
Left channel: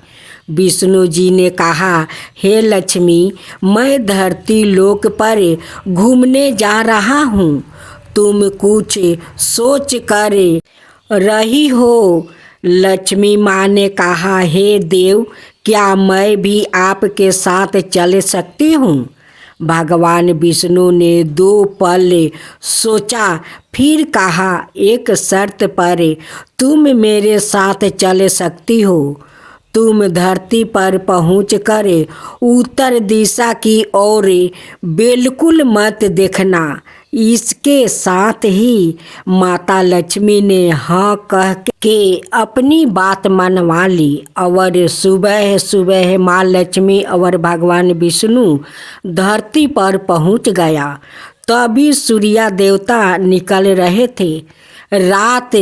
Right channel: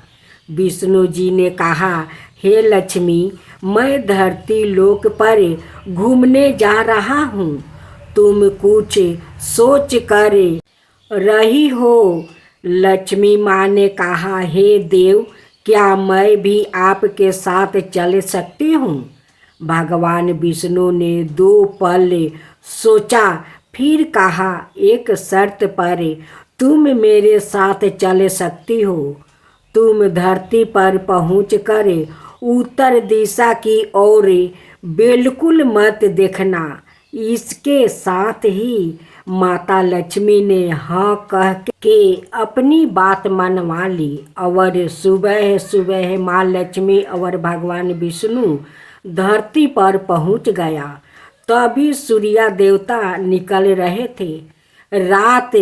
विष्णु जी ने कहा, हे लक्ष्मी, मैं धरती लोक पर घूमने जा रहा हूँ। तुम कुछ सोच कर रही हो? लक्ष्मी माँ ने कहा, हे देव, क्या मैं भी आपके साथ चल सकती हूँ? भगवान विष्णु ने 2 पल सोचा, फिर कहा, एक शर्त पर तुम मेरे साथ चल सकती हो। तुम धरती पर पहुंचकर उत्तर दिशा की ओर बिल्कुल मत देखना। इसके साथ ही माता लक्ष्मी ने हाँ कह के अपनी बात मनवा ली और सुबह सुबह माँ लक्ष्मी और भगवान विष्णु धरती पर पहुंच गया। तभी सूर्य देवता निकल रहे थे। रात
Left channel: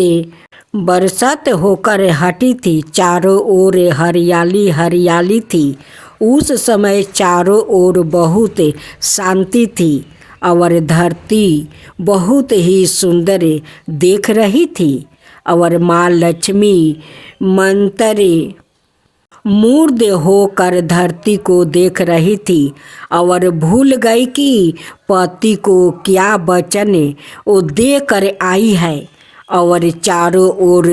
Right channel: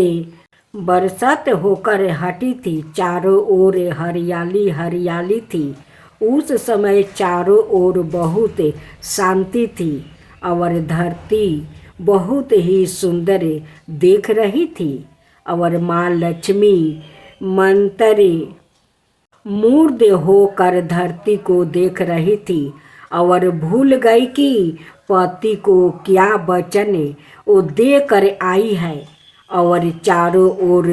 बरसात होकर हटी थी। चारों ओर हरियाली हरियाली थी। उस समय चारों ओर बहुत शांति थी और धरती बहुत ही सुंदर देख रही थी और माँ लक्ष्मी मंत्र मूर्ध होकर धरती को देख रही थी और भूल गई कि पति को क्या वचन वो देकर आई है और चारों ओर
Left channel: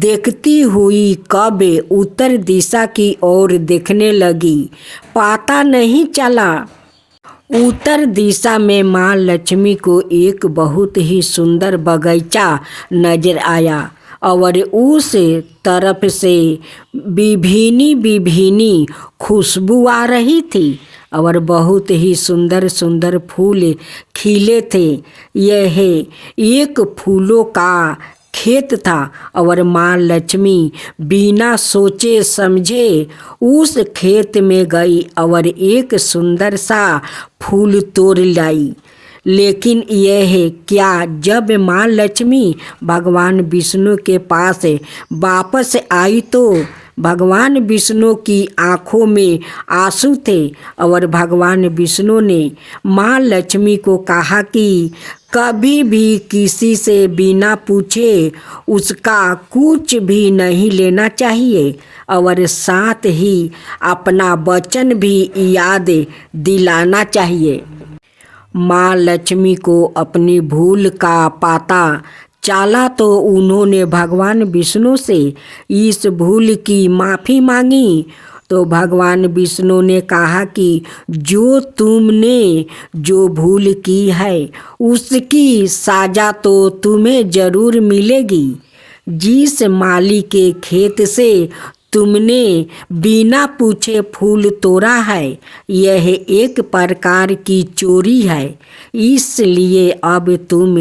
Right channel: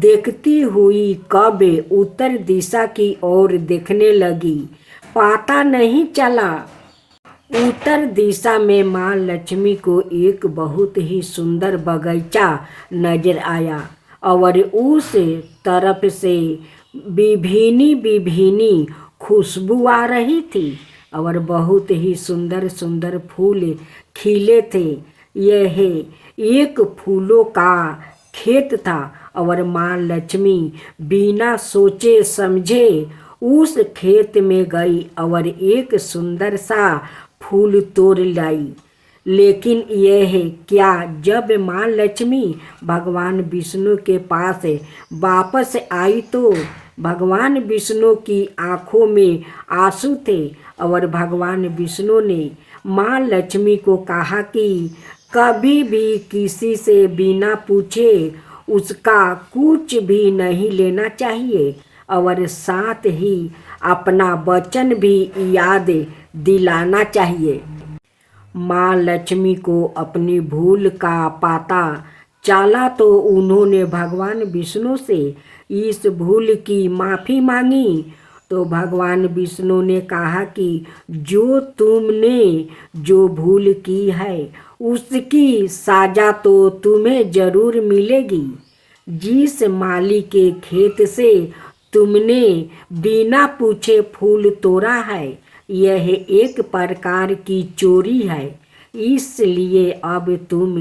देखती हुई कब उत्तर दिशा की ओर देखने लगी, पता नहीं चला। उत्तर दिशा में माँ लक्ष्मी को एक बहुत ही सुंदर बगीचा नजर आया और उस तरफ से विभिन्न विभिन्न खुशबू आ रही थी और बहुत ही सुंदर सुंदर फूल खिले थे। यह एक फूलों का खेत था और माँ लक्ष्मी बिना सोचे समझे उस खेत में गई और एक सुंदर सा फूल तोड़ लाई। लेकिन यह क्या, जब माँ लक्ष्मी भगवान विष्णु के पास वापस आई तो भगवान विष्णु की आँखों में आंसू थे और भगवान विष्णु ने माँ लक्ष्मी को कहा कि कभी भी किसी से बिना पूछे उसका कुछ भी नहीं लेना चाहिए और साथ ही अपना वचन भी याद दिलाना चाहिए। माँ लक्ष्मी को अपनी भूल का पता चला तो उन्होंने भगवान विष्णु से इस भूल की माफ़ी मांगी। तो भगवान विष्णु ने कहा कि जो तुमने जो भूल की है उसकी सजा तो तुम्हें ज़रूर मिलेगी। जिस माली के खेत से तुमने बिना पूछे फूल तोड़ा है, यह एक प्रकार की चोरी है। इसलिए अब तुम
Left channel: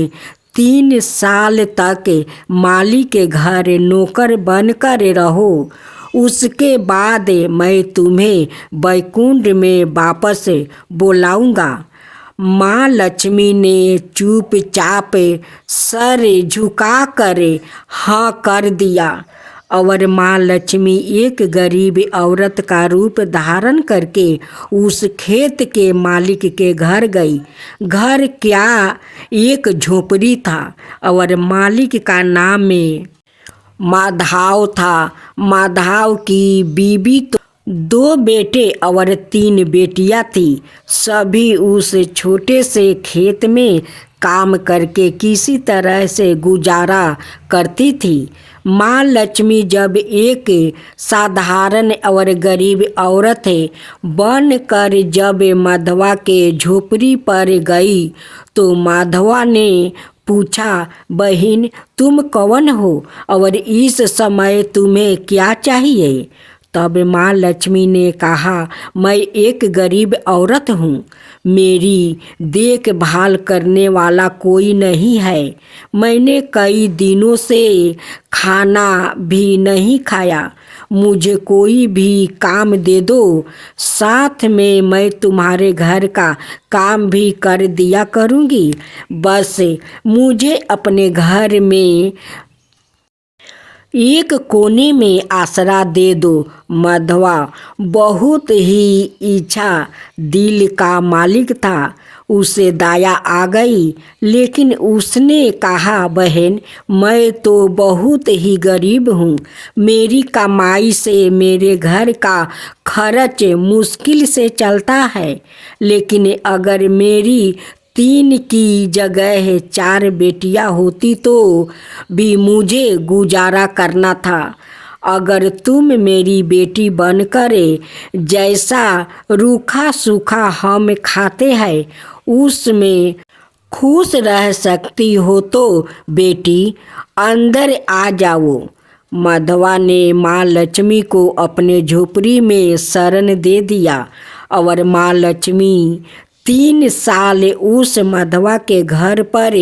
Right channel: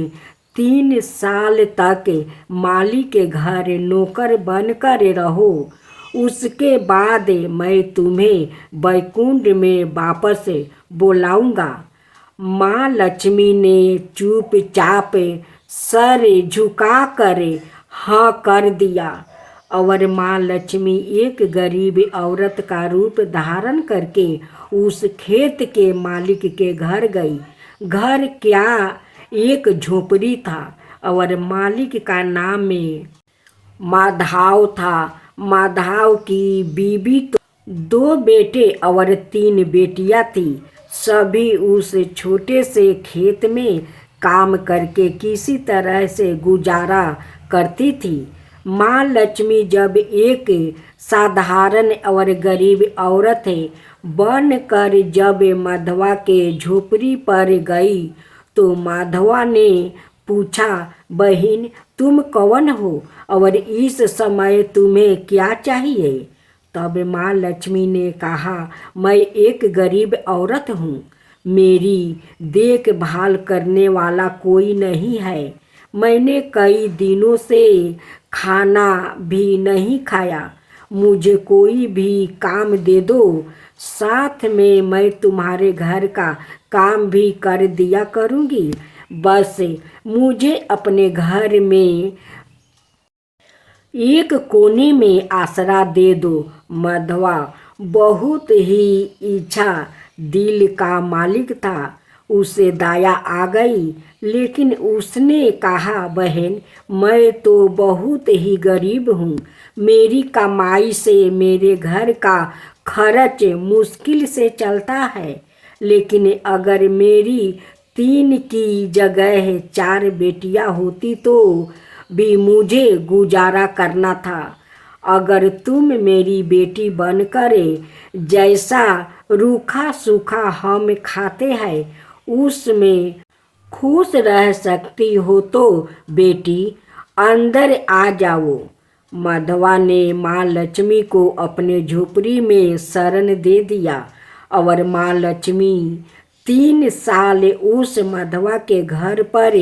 3 साल तक माली के घर नौकर बनकर रहो। उसके बाद मैं तुम्हें वैकुंठ में वापस बुलाऊंगा। माँ लक्ष्मी ने चुपचाप सर झुकाकर हाँ कर दिया और माँ लक्ष्मी एक गरीब औरत का रूप धारण करके उस खेत के मालिक के घर गई। घर क्या, एक झोपड़ी था और मालिक का नाम में माधव था। माधव की बीवी तो 2 बेटे और 3 बेटियां थी। सभी उस छोटे से खेत में काम करके किसी तरह से गुजारा करती थी। माँ लक्ष्मी जब एक साधारण और गरीब औरत बन कर जब माधवा के झोपड़ी पर गई तो माधवा ने पूछा, बहन तुम कौन हो और इस समय तुम्हें क्या चाहिए? तब माँ लक्ष्मी ने कहा, मैं एक गरीब औरत हूँ, मेरी देखभाल करने वाला कोई नहीं है। मैंने कई दिनों से खाना भी नहीं खाया, मुझे कोई भी काम दे दो, साथ में मैं तुम्हारे घर का काम भी कर दिया करूँगी। बस मुझे अपने घर में एक कोने में आसरा दे दो। माधवा बहुत ही इच्छा दिल का मालिक था, उसे दया आ गई, लेकिन उसने कहा, बहन मैं तो बहुत ही गरीब हूँ, मेरी कमाई से मेरे घर का खर्च मुश्किल से चलता है, लेकिन अगर मेरी 3 की जगह 4 बेटियां होती तो भी मुझे गुजारा करना था। अगर तुम मेरी बेटी बनकर जैसा रूखा सूखा हम खाते हैं उसमें खुश रह सकती हो तो बेटी अंदर आ जाओ। माधवा ने माँ लक्ष्मी को अपने झोपड़ी में शरण दे दिया और माँ लक्ष्मी 3 साल उस माधवा के घर पर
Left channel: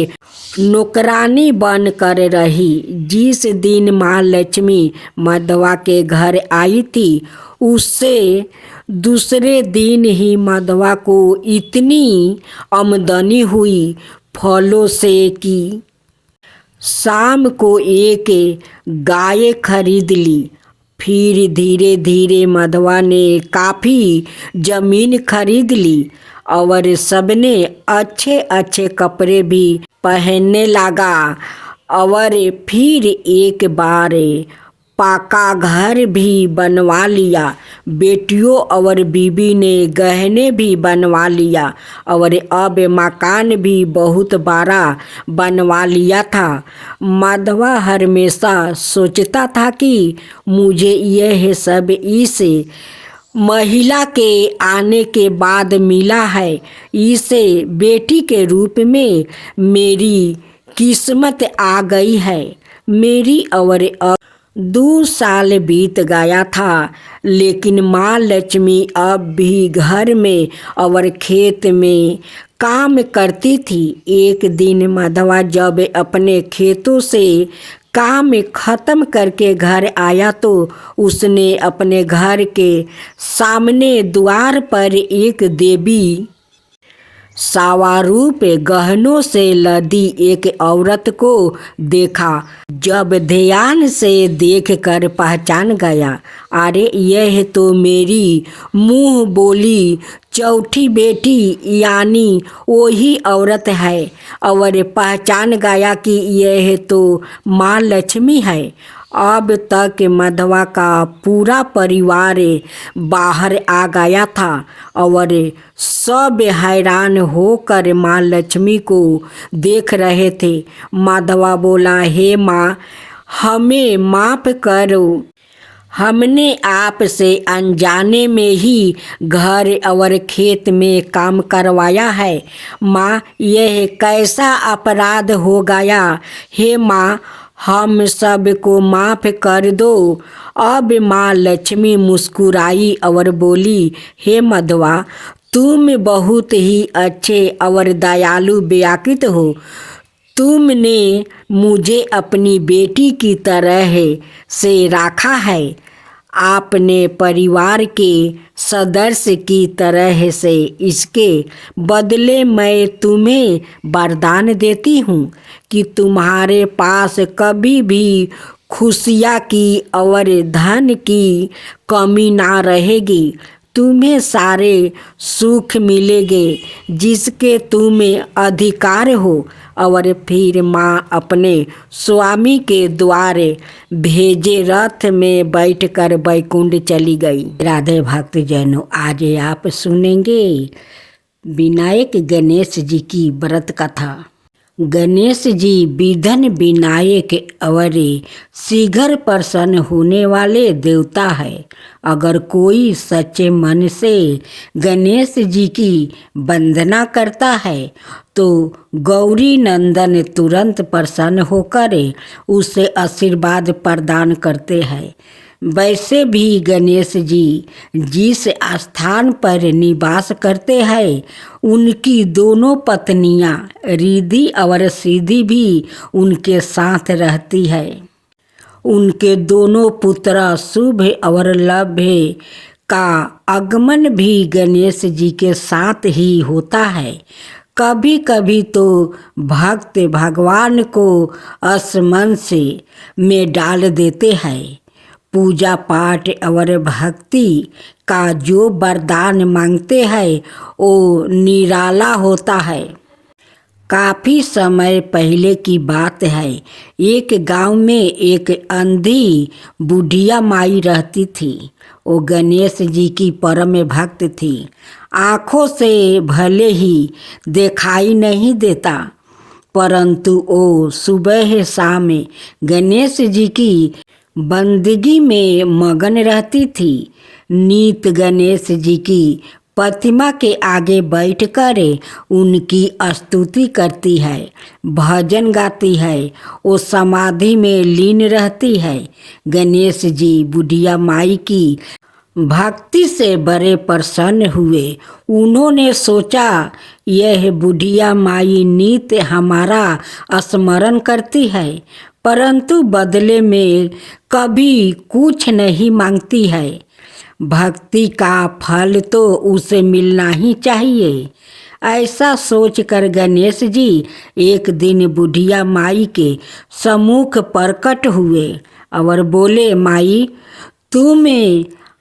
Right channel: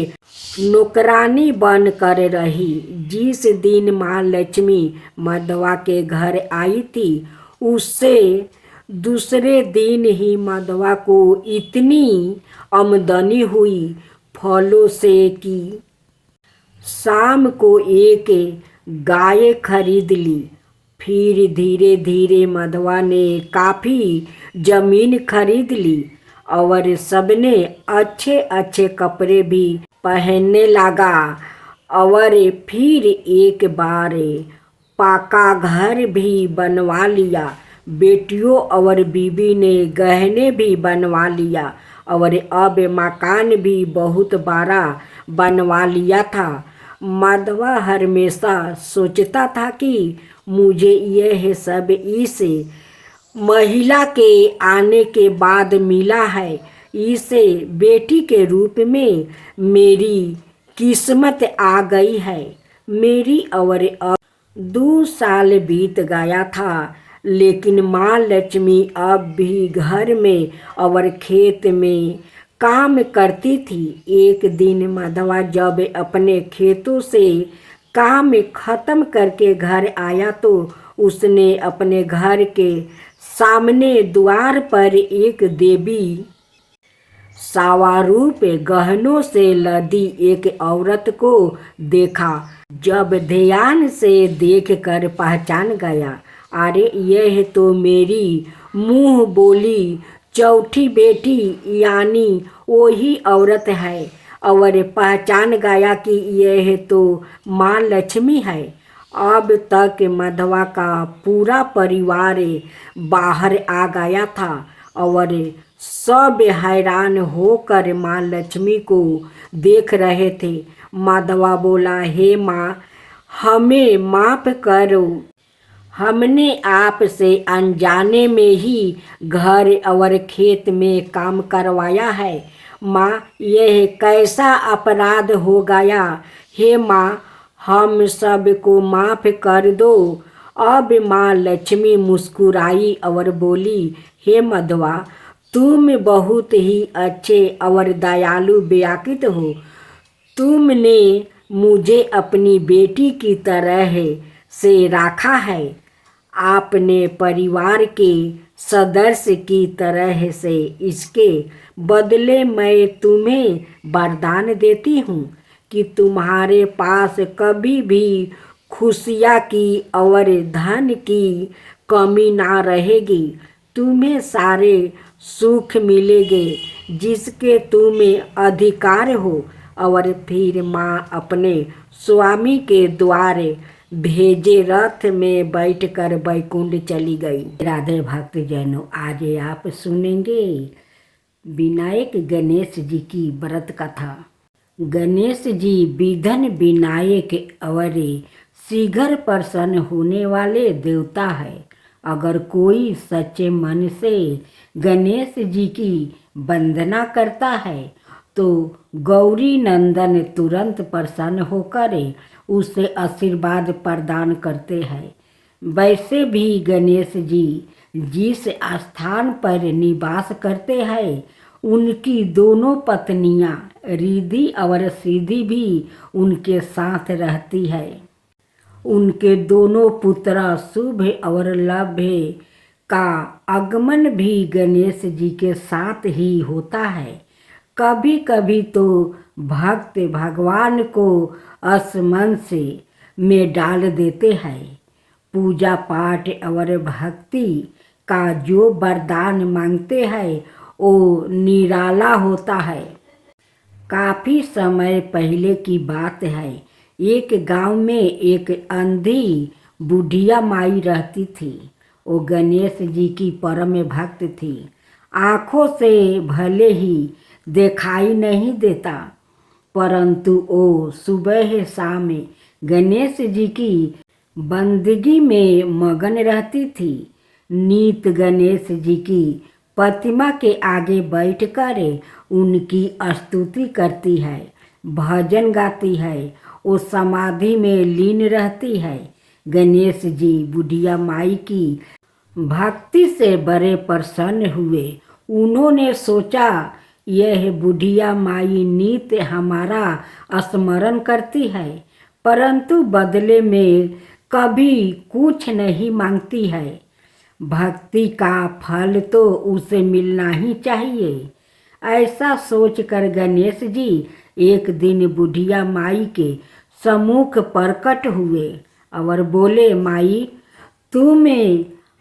नौकरानी बन कर रही। जिस दिन माँ लक्ष्मी माधवा के घर आई थी उससे दूसरे दिन ही माधवा को इतनी आमदनी हुई फलों से कि शाम को एक गाय खरीद ली। फिर धीरे धीरे माधवा ने काफ़ी जमीन खरीद ली और सबने अच्छे अच्छे कपड़े भी पहनने लगा और फिर एक बार पक्का घर भी बनवा लिया। बेटियों और बीबी ने गहने भी बनवा लिया और अब मकान भी बहुत बड़ा बनवा लिया था। माधवा हमेशा सोचता था कि मुझे यह सब इस महिला के आने के बाद मिला है, इसे बेटी के रूप में मेरी किस्मत आ गई है। मेरी और अब 2 साल बीत गया था, लेकिन माँ लक्ष्मी अब भी घर में और खेत में काम करती थी। एक दिन माधवा जब अपने खेतों से काम खत्म करके घर आया तो उसने अपने घर के सामने द्वार पर एक देवी सावारूप गहनों से लदी एक औरत को देखा। जब ध्यान से देखकर पहचान गया, अरे यह तो मेरी मुँह बोली चौथी बेटी यानी वही औरत है और पहचान गया कि यह तो माँ लक्ष्मी है। अब तक माधवा का पूरा परिवार बाहर आ गया था और सब हैरान होकर माँ लक्ष्मी को देख रहे थे। माधवा बोला, हे माँ हमें माफ़ करो, हमने आपसे अनजाने में ही घर और खेत में काम करवाया है। माँ यह कैसा अपराध हो गया, हे माँ हम सब को माफ़ कर दो। अब माँ लक्ष्मी मुस्कुराई और बोली, हे माधवा तुम बहुत ही अच्छे और दयालु व्यक्ति हो, तुमने मुझे अपनी बेटी की तरह से रखा है, आपने परिवार के सदस्य की तरह से। इसके बदले मैं तुम्हें वरदान देती हूँ कि तुम्हारे पास कभी भी खुशियाँ की और धन की कमी ना रहेगी। तुम्हें सारे सुख मिलेंगे जिसके तुम्हें अधिकार हो। और फिर माँ अपने स्वामी के द्वारे भेजे रथ में बैठकर बैकुंठ चली गई। राधे भक्त जनों, आज आप सुनेंगे विनायक गणेश जी की व्रत कथा। गणेश जी विघ्न विनायक और शीघ्र प्रसन्न होने वाले देवता है। अगर कोई सच्चे मन से गणेश जी की वंदना करता है तो गौरी नंदन तुरंत प्रसन्न होकर उसे आशीर्वाद प्रदान करते हैं। वैसे भी गणेश जी जिस स्थान पर निवास करते हैं उनकी दोनों पत्नियां रिद्धि और सिद्धि भी उनके साथ रहती है। उनके दोनों पुत्र शुभ और लभ्य का आगमन भी गणेश जी के साथ ही होता है। कभी कभी तो भक्त भगवान को असमंस में डाल देते हैं। पूजा पाठ और भक्ति का जो वरदान मांगते हैं वो निराला होता है। काफ़ी समय पहले की बात है। एक गांव में एक अंधी बुढ़िया माई रहती थी। वो गणेश जी की परम भक्त थी। आँखों से भले ही दिखाई नहीं देता, परंतु वो सुबह शाम गणेश जी की बंदगी में मगन रहती थी। नित गणेश जी की प्रतिमा के आगे बैठकर उनकी स्तुति करती है, भजन गाती है, वो समाधि में लीन रहती है। गणेश जी बुढ़िया माई की भक्ति से बड़े प्रसन्न हुए। उन्होंने सोचा यह बुढ़िया माई नित हमारा स्मरण करती है, परंतु बदले में कभी कुछ नहीं मांगती है। भक्ति का फल तो उसे मिलना ही चाहिए। ऐसा सोचकर गणेश जी एक दिन बुढ़िया माई के सम्मुख प्रकट हुए और बोले, माई तुम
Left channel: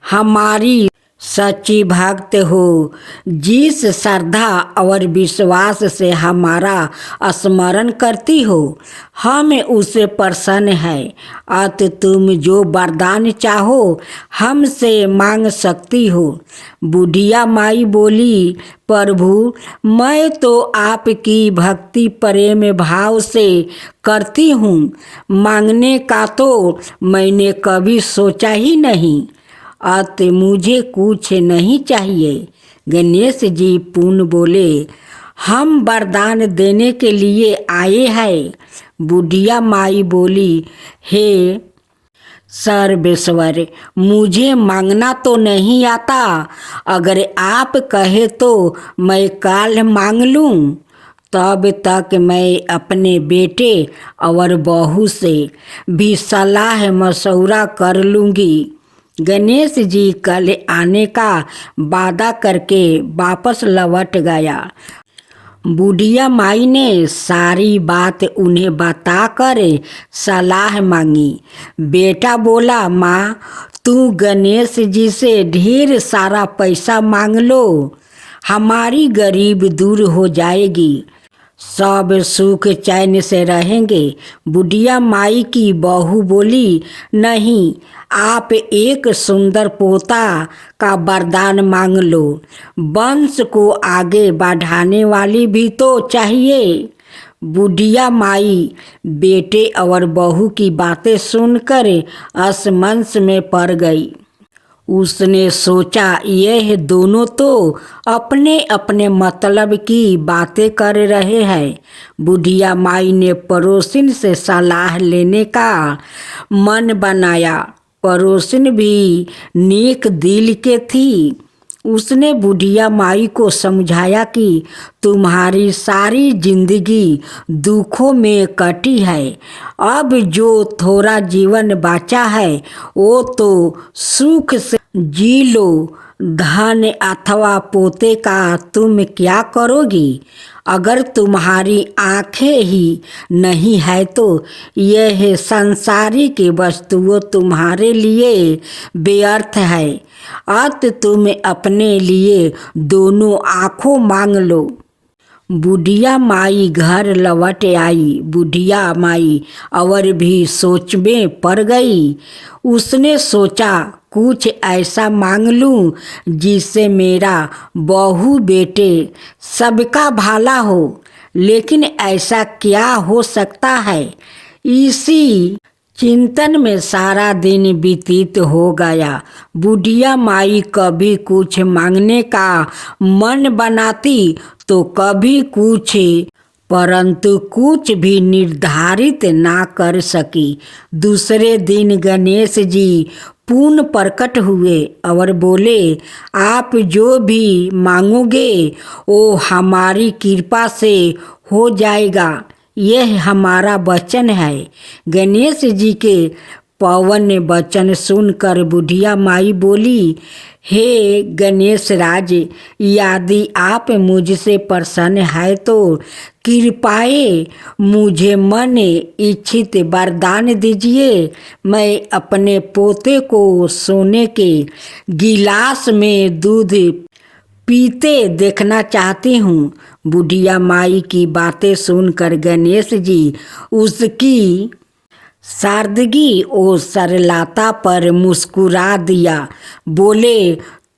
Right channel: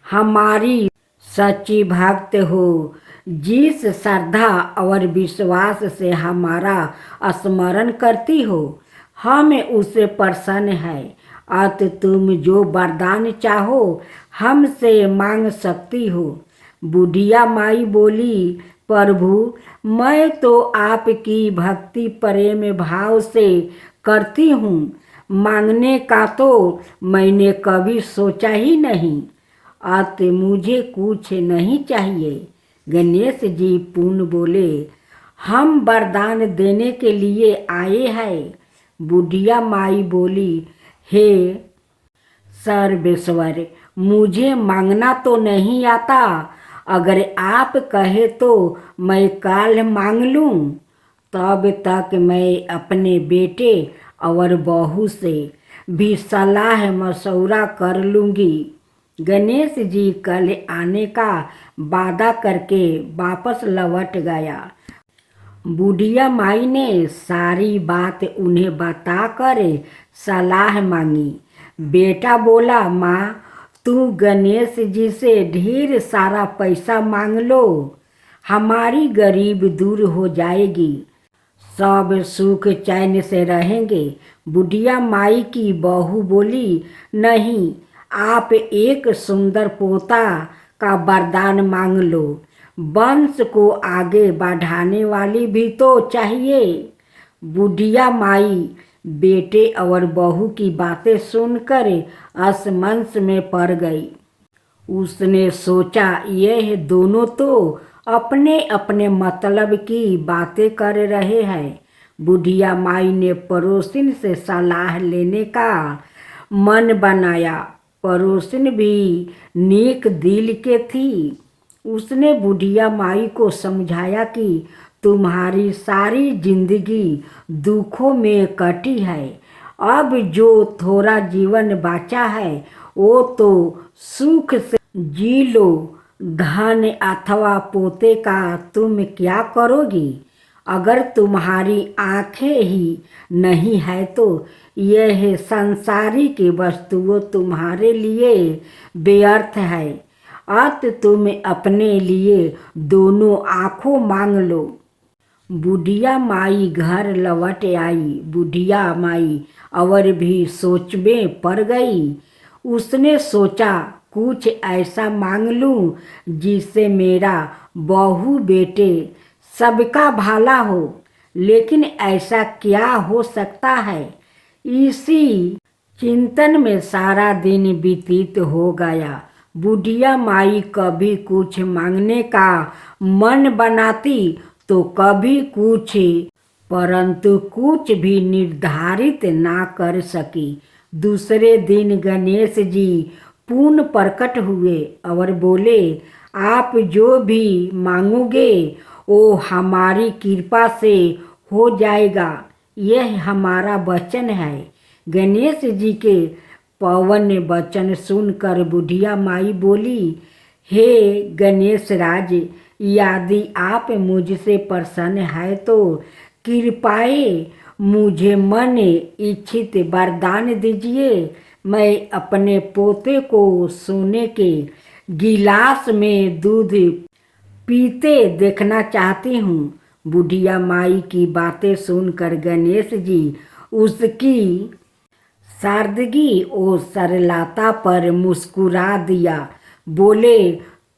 हमारी सच्ची भक्त हो। जिस श्रद्धा और विश्वास से हमारा स्मरण करती हो हम उससे प्रसन्न है। अत तुम जो वरदान चाहो हमसे मांग सकती हो। बुढ़िया माई बोली, प्रभु मैं तो आपकी भक्ति प्रेम भाव से करती हूँ, मांगने का तो मैंने कभी सोचा ही नहीं। अत मुझे कुछ नहीं चाहिए। गणेश जी पुनः बोले, हम वरदान देने के लिए आए हैं। बुढ़िया माई बोली, हे सर्वेश्वर मुझे मांगना तो नहीं आता, अगर आप कहे तो मैं कल मांग लूँ। तब तक मैं अपने बेटे और बहू से भी सलाह मशवरा कर लूँगी। गणेश जी कल आने का वादा करके वापस लौट गया। बुढ़िया माई ने सारी बात उन्हें बताकर सलाह मांगी। बेटा बोला, माँ तू गणेश जी से ढेर सारा पैसा मांग लो, हमारी गरीब दूर हो जाएगी, सब सुख चैन से रहेंगे। बुढ़िया माई की बहू बोली, नहीं आप एक सुंदर पोता का वरदान मांग लो, वंश को आगे बढ़ाने वाली भी तो चाहिए। बुढ़िया माई बेटे और बहू की बातें सुनकर असमंस में पड़ गई। उसने सोचा यह दोनों तो अपने अपने मतलब की बातें कर रहे हैं। बुढ़िया माई ने पड़ोसिन से सलाह लेने का मन बनाया। पड़ोसिन भी नेक दिल के थी। उसने बुढ़िया माई को समझाया कि तुम्हारी सारी जिंदगी दुखों में कटी है, अब जो थोड़ा जीवन बचा है वो तो सुख से जी लो। धन अथवा पोते का तुम क्या करोगी? अगर तुम्हारी आंखें ही नहीं है तो यह संसारिक वस्तुओं तुम्हारे लिए व्यर्थ है। अत तुम अपने लिए दोनों आँखों मांग लो। बुढ़िया माई घर लौट आई। बुढ़िया माई और भी सोच में पड़ गई। उसने सोचा कुछ ऐसा मांग लूं जिससे मेरा बहू बेटे सबका भला हो। लेकिन ऐसा क्या हो सकता है? इसी चिंतन में सारा दिन व्यतीत हो गया। बुढ़िया माई कभी कुछ मांगने का मन बनाती तो कभी कुछ, परंतु कुछ भी निर्धारित ना कर सकी। दूसरे दिन गणेश जी पुनः प्रकट हुए और बोले, आप जो भी मांगोगे वो हमारी कृपा से हो जाएगा। यह हमारा वचन है। गणेश जी के पवन वचन सुनकर बुढ़िया माई बोली, हे गणेश राज, यदि आप मुझसे प्रसन्न है तो कृपाए मुझे मन इच्छित वरदान दीजिए। मैं अपने पोते को सोने के गिलास में दूध पीते देखना चाहती हूँ। बुढ़िया माई की बातें सुनकर गणेश जी उसकी सादगी और सरलता पर मुस्कुरा दिया। बोले,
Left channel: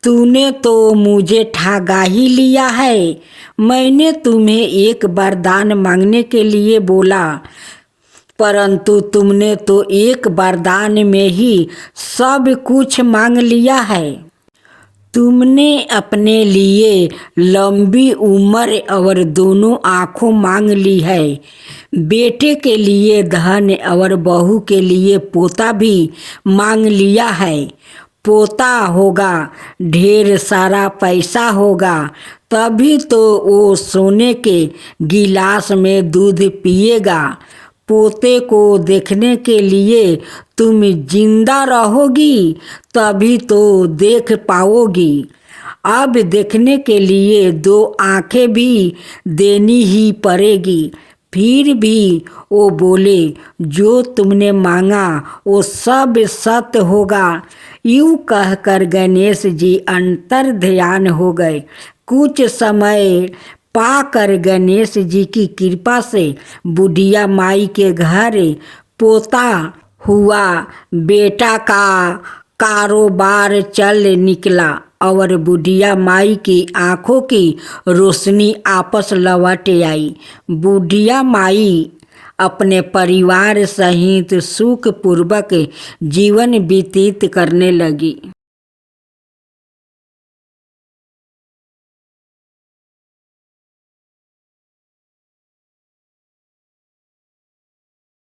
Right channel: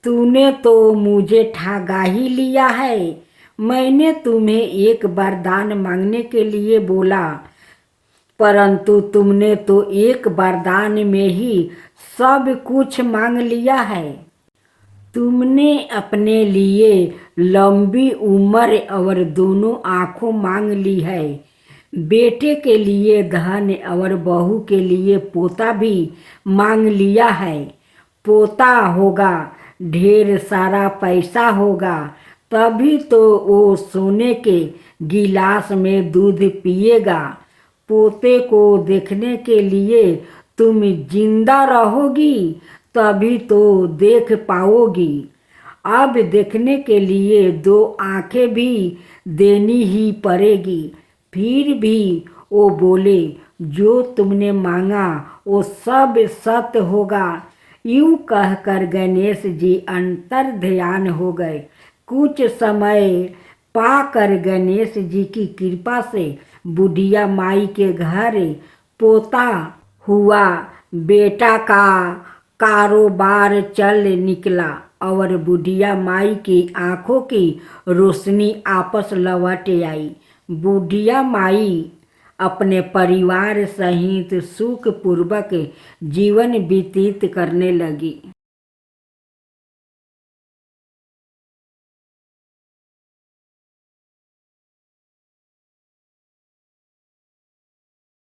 तूने तो मुझे ठगा ही लिया है। मैंने तुम्हें एक वरदान मांगने के लिए बोला, परंतु तुमने तो एक वरदान में ही सब कुछ मांग लिया है। तुमने अपने लिए लंबी उम्र और दोनों आँखों मांग ली है। बेटे के लिए धन और बहू के लिए पोता भी मांग लिया है। पोता होगा, ढेर सारा पैसा होगा, तभी तो वो सोने के गिलास में दूध पिएगा। पोते को देखने के लिए तुम जिंदा रहोगी, तभी तो देख पाओगी। अब देखने के लिए दो आंखें भी देनी ही पड़ेगी। फिर भी वो बोले, जो तुमने मांगा वो सब सत्य होगा। यूं कहकर गणेश जी अंतर ध्यान हो गए। कुछ समय पाकर गणेश जी की कृपा से बुढ़िया माई के घर पोता हुआ। बेटा का कारोबार चल निकला और बुढ़िया माई की आंखों की रोशनी आपस लौट आई। बुढ़िया माई अपने परिवार सहित सुखपूर्वक जीवन व्यतीत करने लगी।